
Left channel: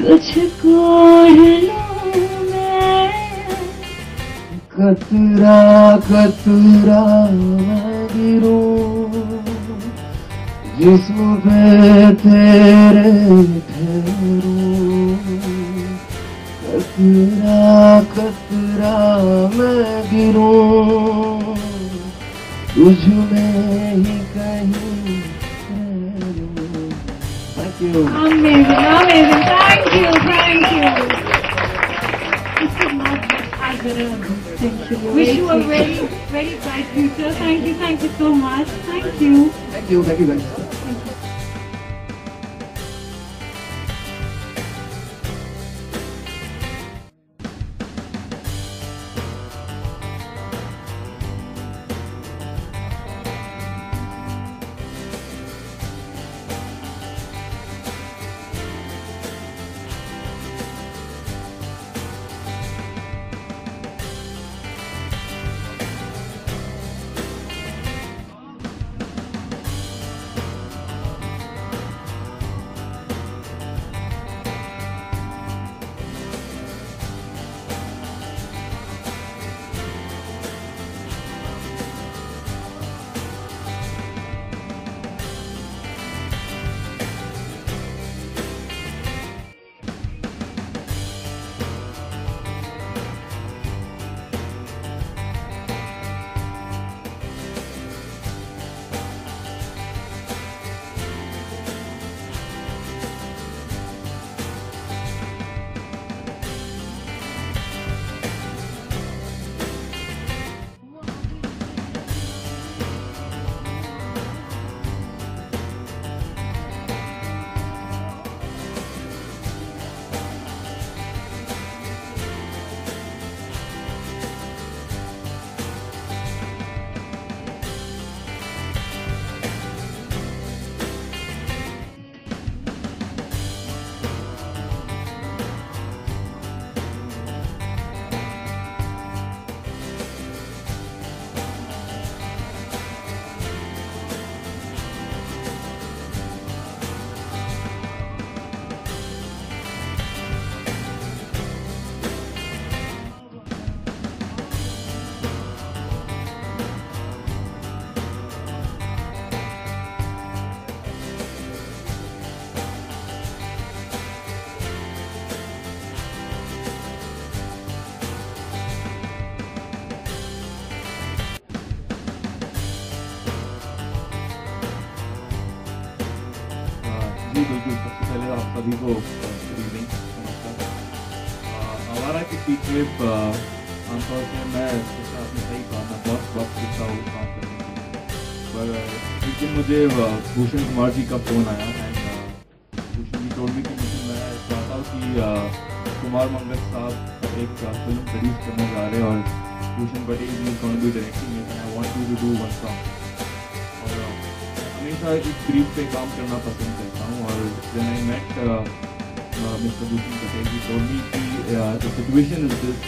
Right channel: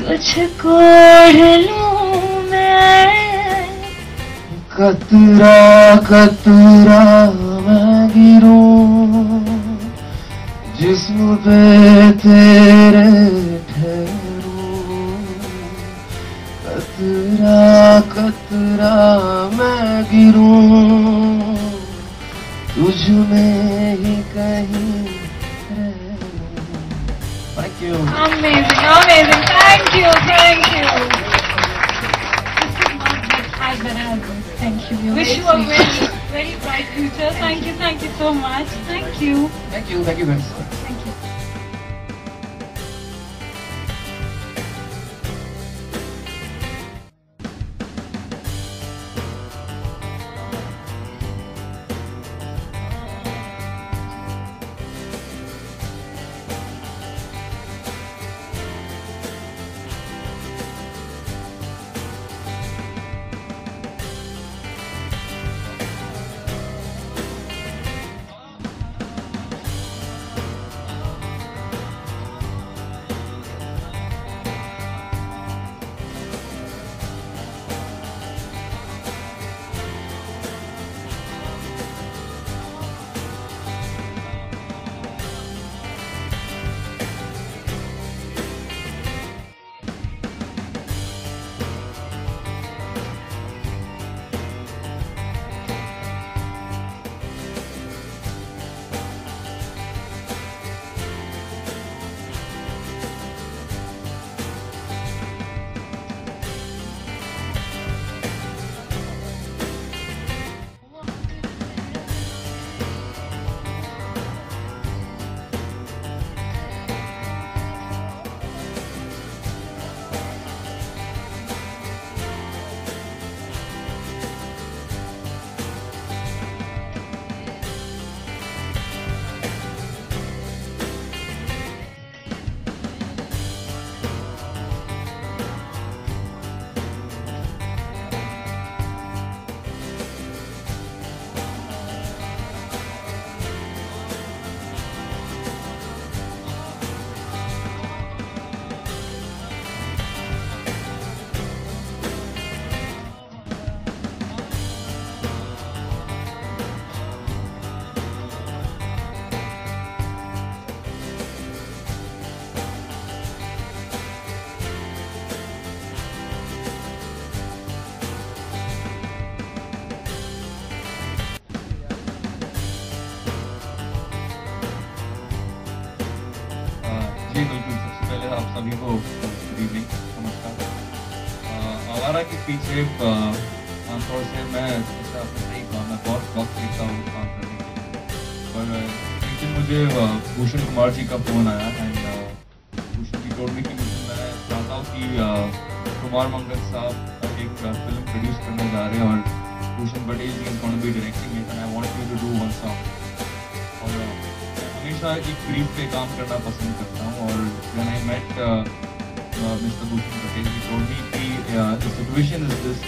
तुझको लूं मैं। कतरा कतरा मैं गिरूं जिस्म पे तेरे ठहरूं, कतरा कतरा मैं गिरूं तुझ में ही कहीं ठहरूं। Thank you. Amazing, amazing. Thank you, thank you. Thank you. Wish you a very bright future. Thank you so much. Thank you. Thank you guys. सभी को हमारा के पीछे आमतौर से मैं नहीं गाना बहुत वक्त सीखा हूँ काम करने, पर एक दिन मुझे भूषण कुमार जी का फोन आया एंड भूषण जी जोड़ भी मैंने तुषार मंगल साहब एक फिल्म प्रोड्यूस करने जा रहे हैं और भूषण पटेल भी going to be directing it. I want you to do one song. और हमेशा एक ब्रीफ पे काम करना पसंद करता हूँ और when I met mister Bhushan Patel he told me कि द सिचुएशन इज दिस।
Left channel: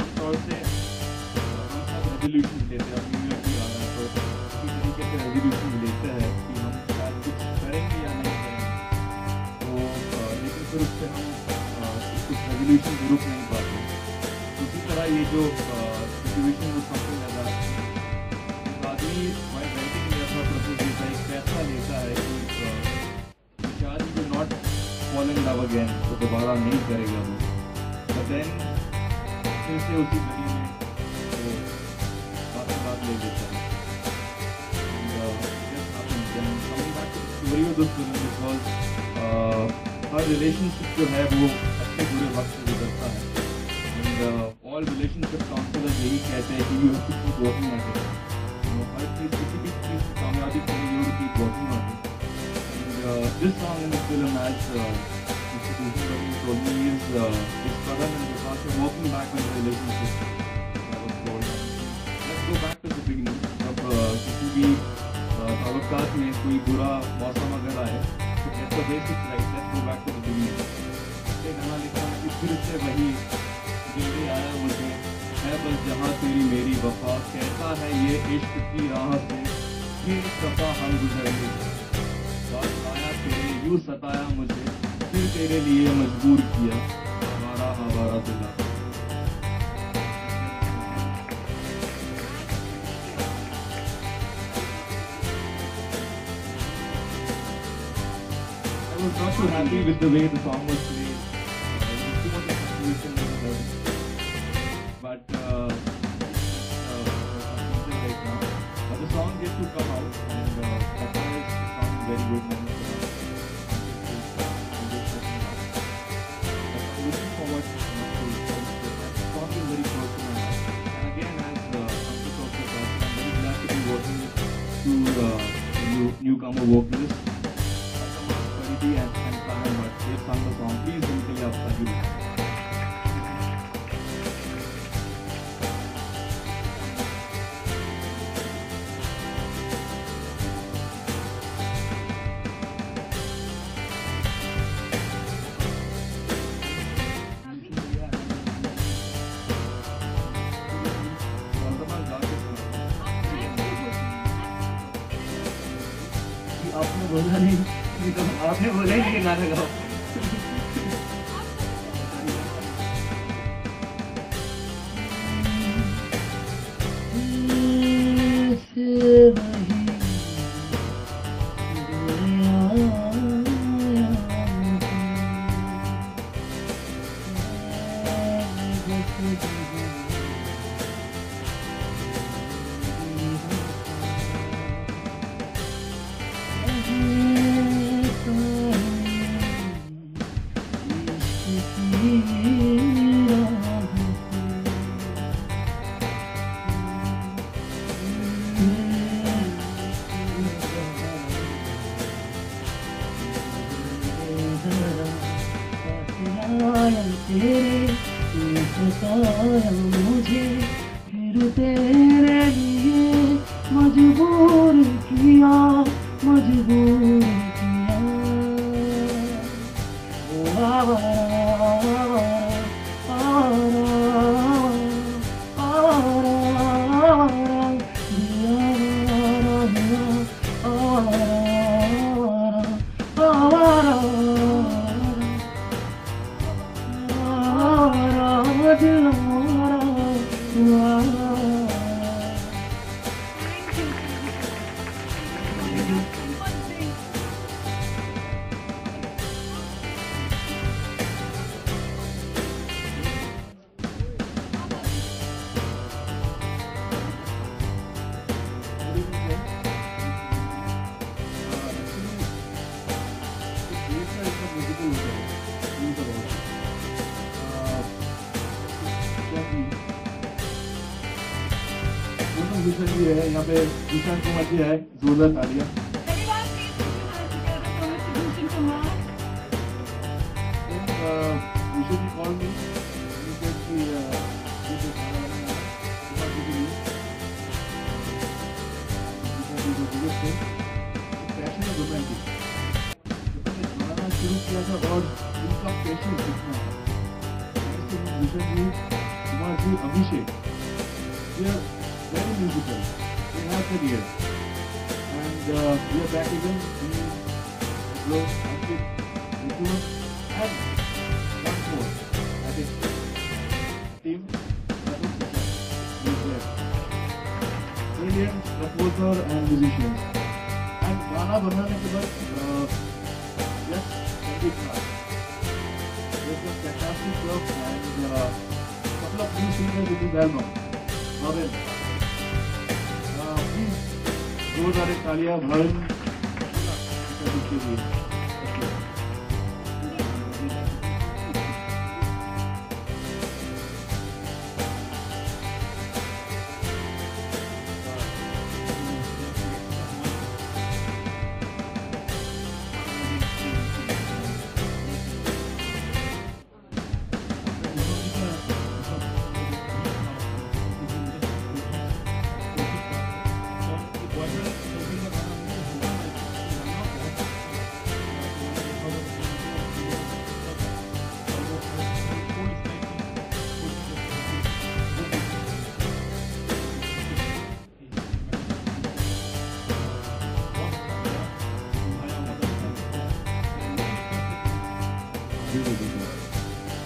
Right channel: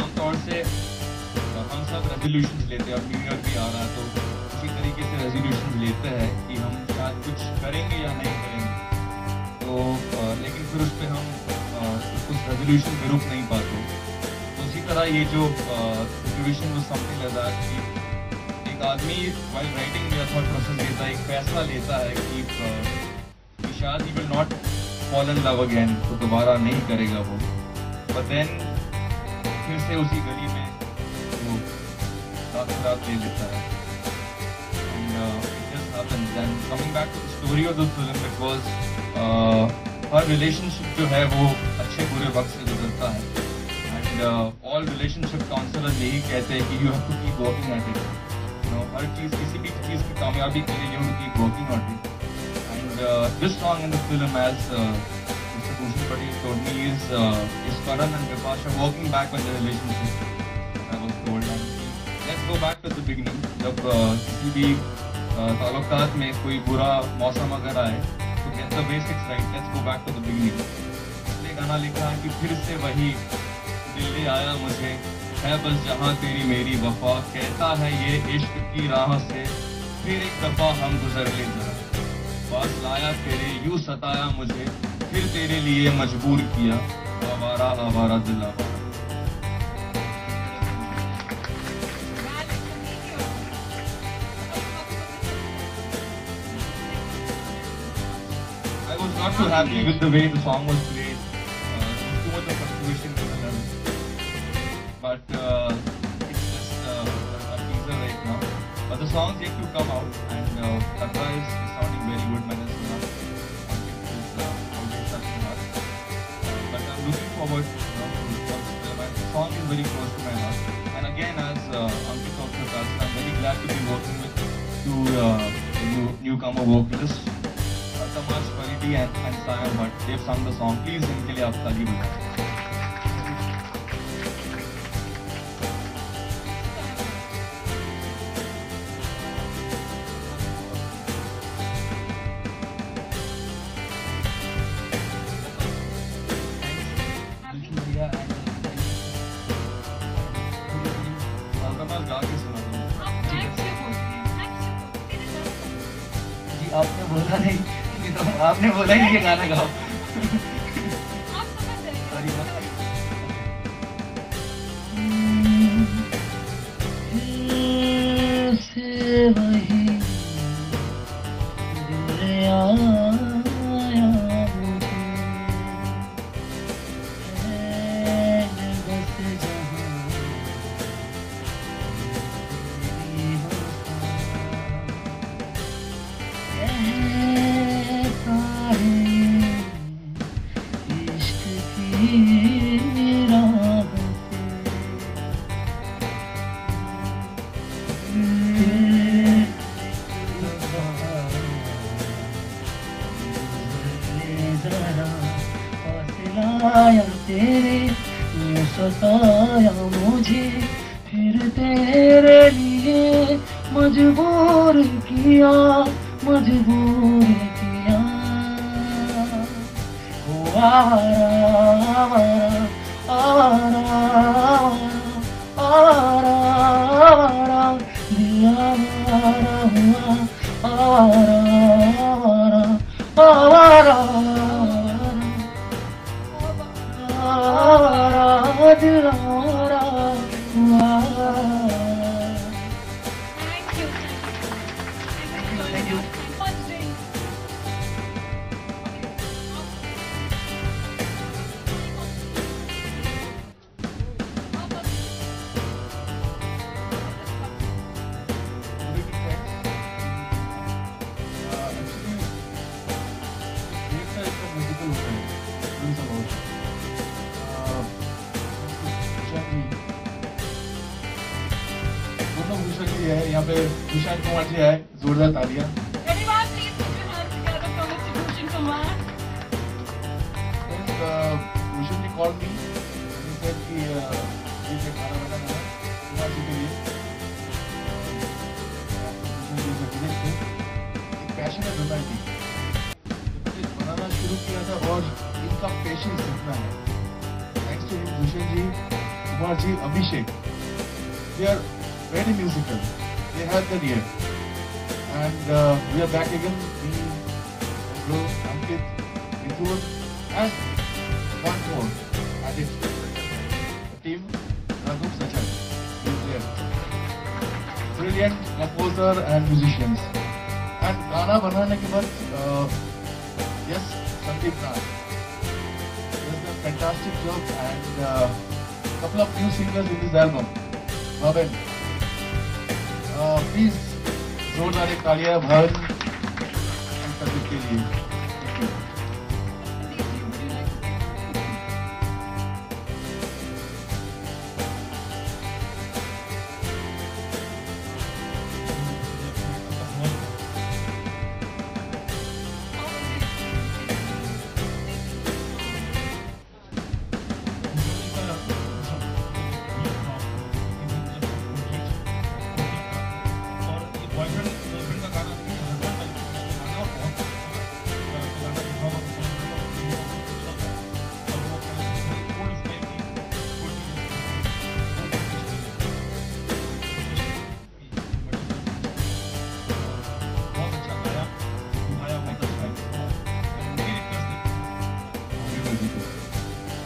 आमतौर से हम सब रेजोल्यूशन लेते हैं और न्यू ईयर भी आ रहा है तो इसी तरीके से रेजोल्यूशन लेते हैं कि हम शायद कुछ करेंगे या नहीं करेंगे। तो लेकिन फिर उस पर हम उस रेजोल्यूशन में रुक नहीं पाते। उसी तरह ये जो सिचुएशन में समथिंग रहता है, एक आदमी वाइल राइटिंग जैसा लेता है, एक फैसला लेता है कि शायद he will not fall in love again, दोबारा नहीं करेगा वो, बट देन फिर से उसी गली में वो साथ ले लेता है। Coming back to the story of the film, because her relationship जो है वो अच्छे बुरे वक्त से गुजरता है and all relationship counselors यही कहते हैं कि you have to keep working on it। हर चीज़ किसी भी चीज़ की कामयाबी के लिए you have to keep working on it। And this song in the film as is Karan and Vipasha walking back on the relationship that was going on। Let's go back to the beginning। जब किसी तवक्कात में कोई बुरा मौसम अगर आए तो get the basics right। Let's go back to the beginning। ये गाना लिखा कि फिर से वही दिल आया मुझे, है बस जहाँ तेरी मेरी वफा, कहता है ये इश्क की राह से फिर एक दफा हम गुजर गए। बात लाया तेरे यूं सताया मुझे, फिर तेरे लिए मजबूर किया, आवारा आवारा दिला। I was not too happy with the way the song was played. But the song did to come out and Katha is sounding very good on this one. But I'm looking forward to the song is very close to my heart. And again, as I'm very glad to be working with two newcomer vocalists. And Simon, but they've sung the song. Please, इनके लिए आप ताली बजाएं। आपने बोला नहीं, आपने बोला ही नहीं कि गाना गाओ। यहाँ पे निशांत कुमार जी आए, जोरदार तालियां। Bhushan we are very musical. They have been here. And we are back again. And one more. I think team brilliant composer and musicians. And गाना बनाने के बाद yes, Sandeep Raj. There's a fantastic work and couple of new singers in this album. अब please जोरदार तालियां भर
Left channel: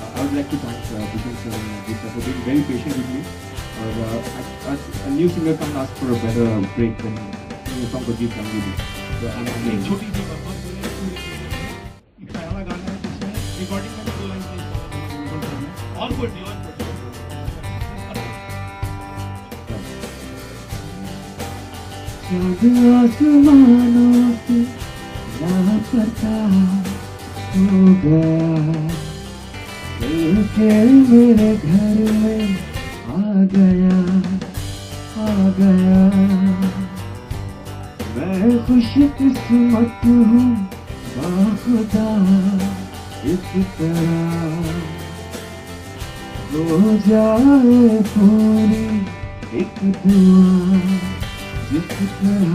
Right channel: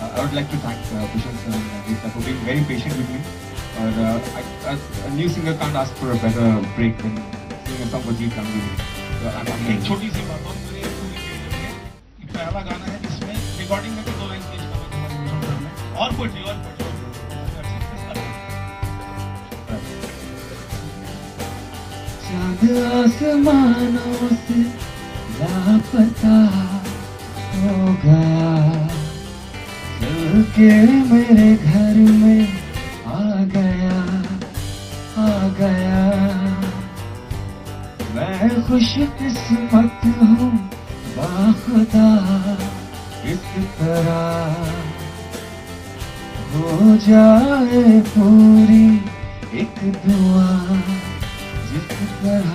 I would like to thank Bhushan sir for being very patient with me. A new singer can't ask for a better break than singing some of the family. So I'm एक छोटी सी बात ये पहला गाना है जिसमें रिकॉर्डिंग में 2 line पेश और कोई ड्यूल चाँद आसमानों से लापता हो गया के मेरे घर में आ गया मैं खुश किस्मत हूँ खुदा इस तरह हो जाए पूरी एक दुआ जिस तरह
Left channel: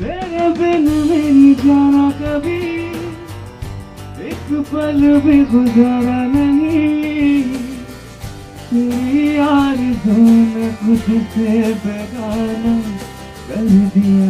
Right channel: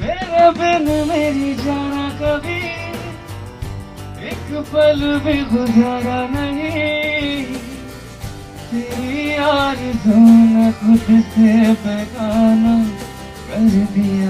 तेरे बिन मेरी जाना कभी एक पल भी गुजारा नहीं तेरी आरज़ू ने खुद से बेगाना कर दिया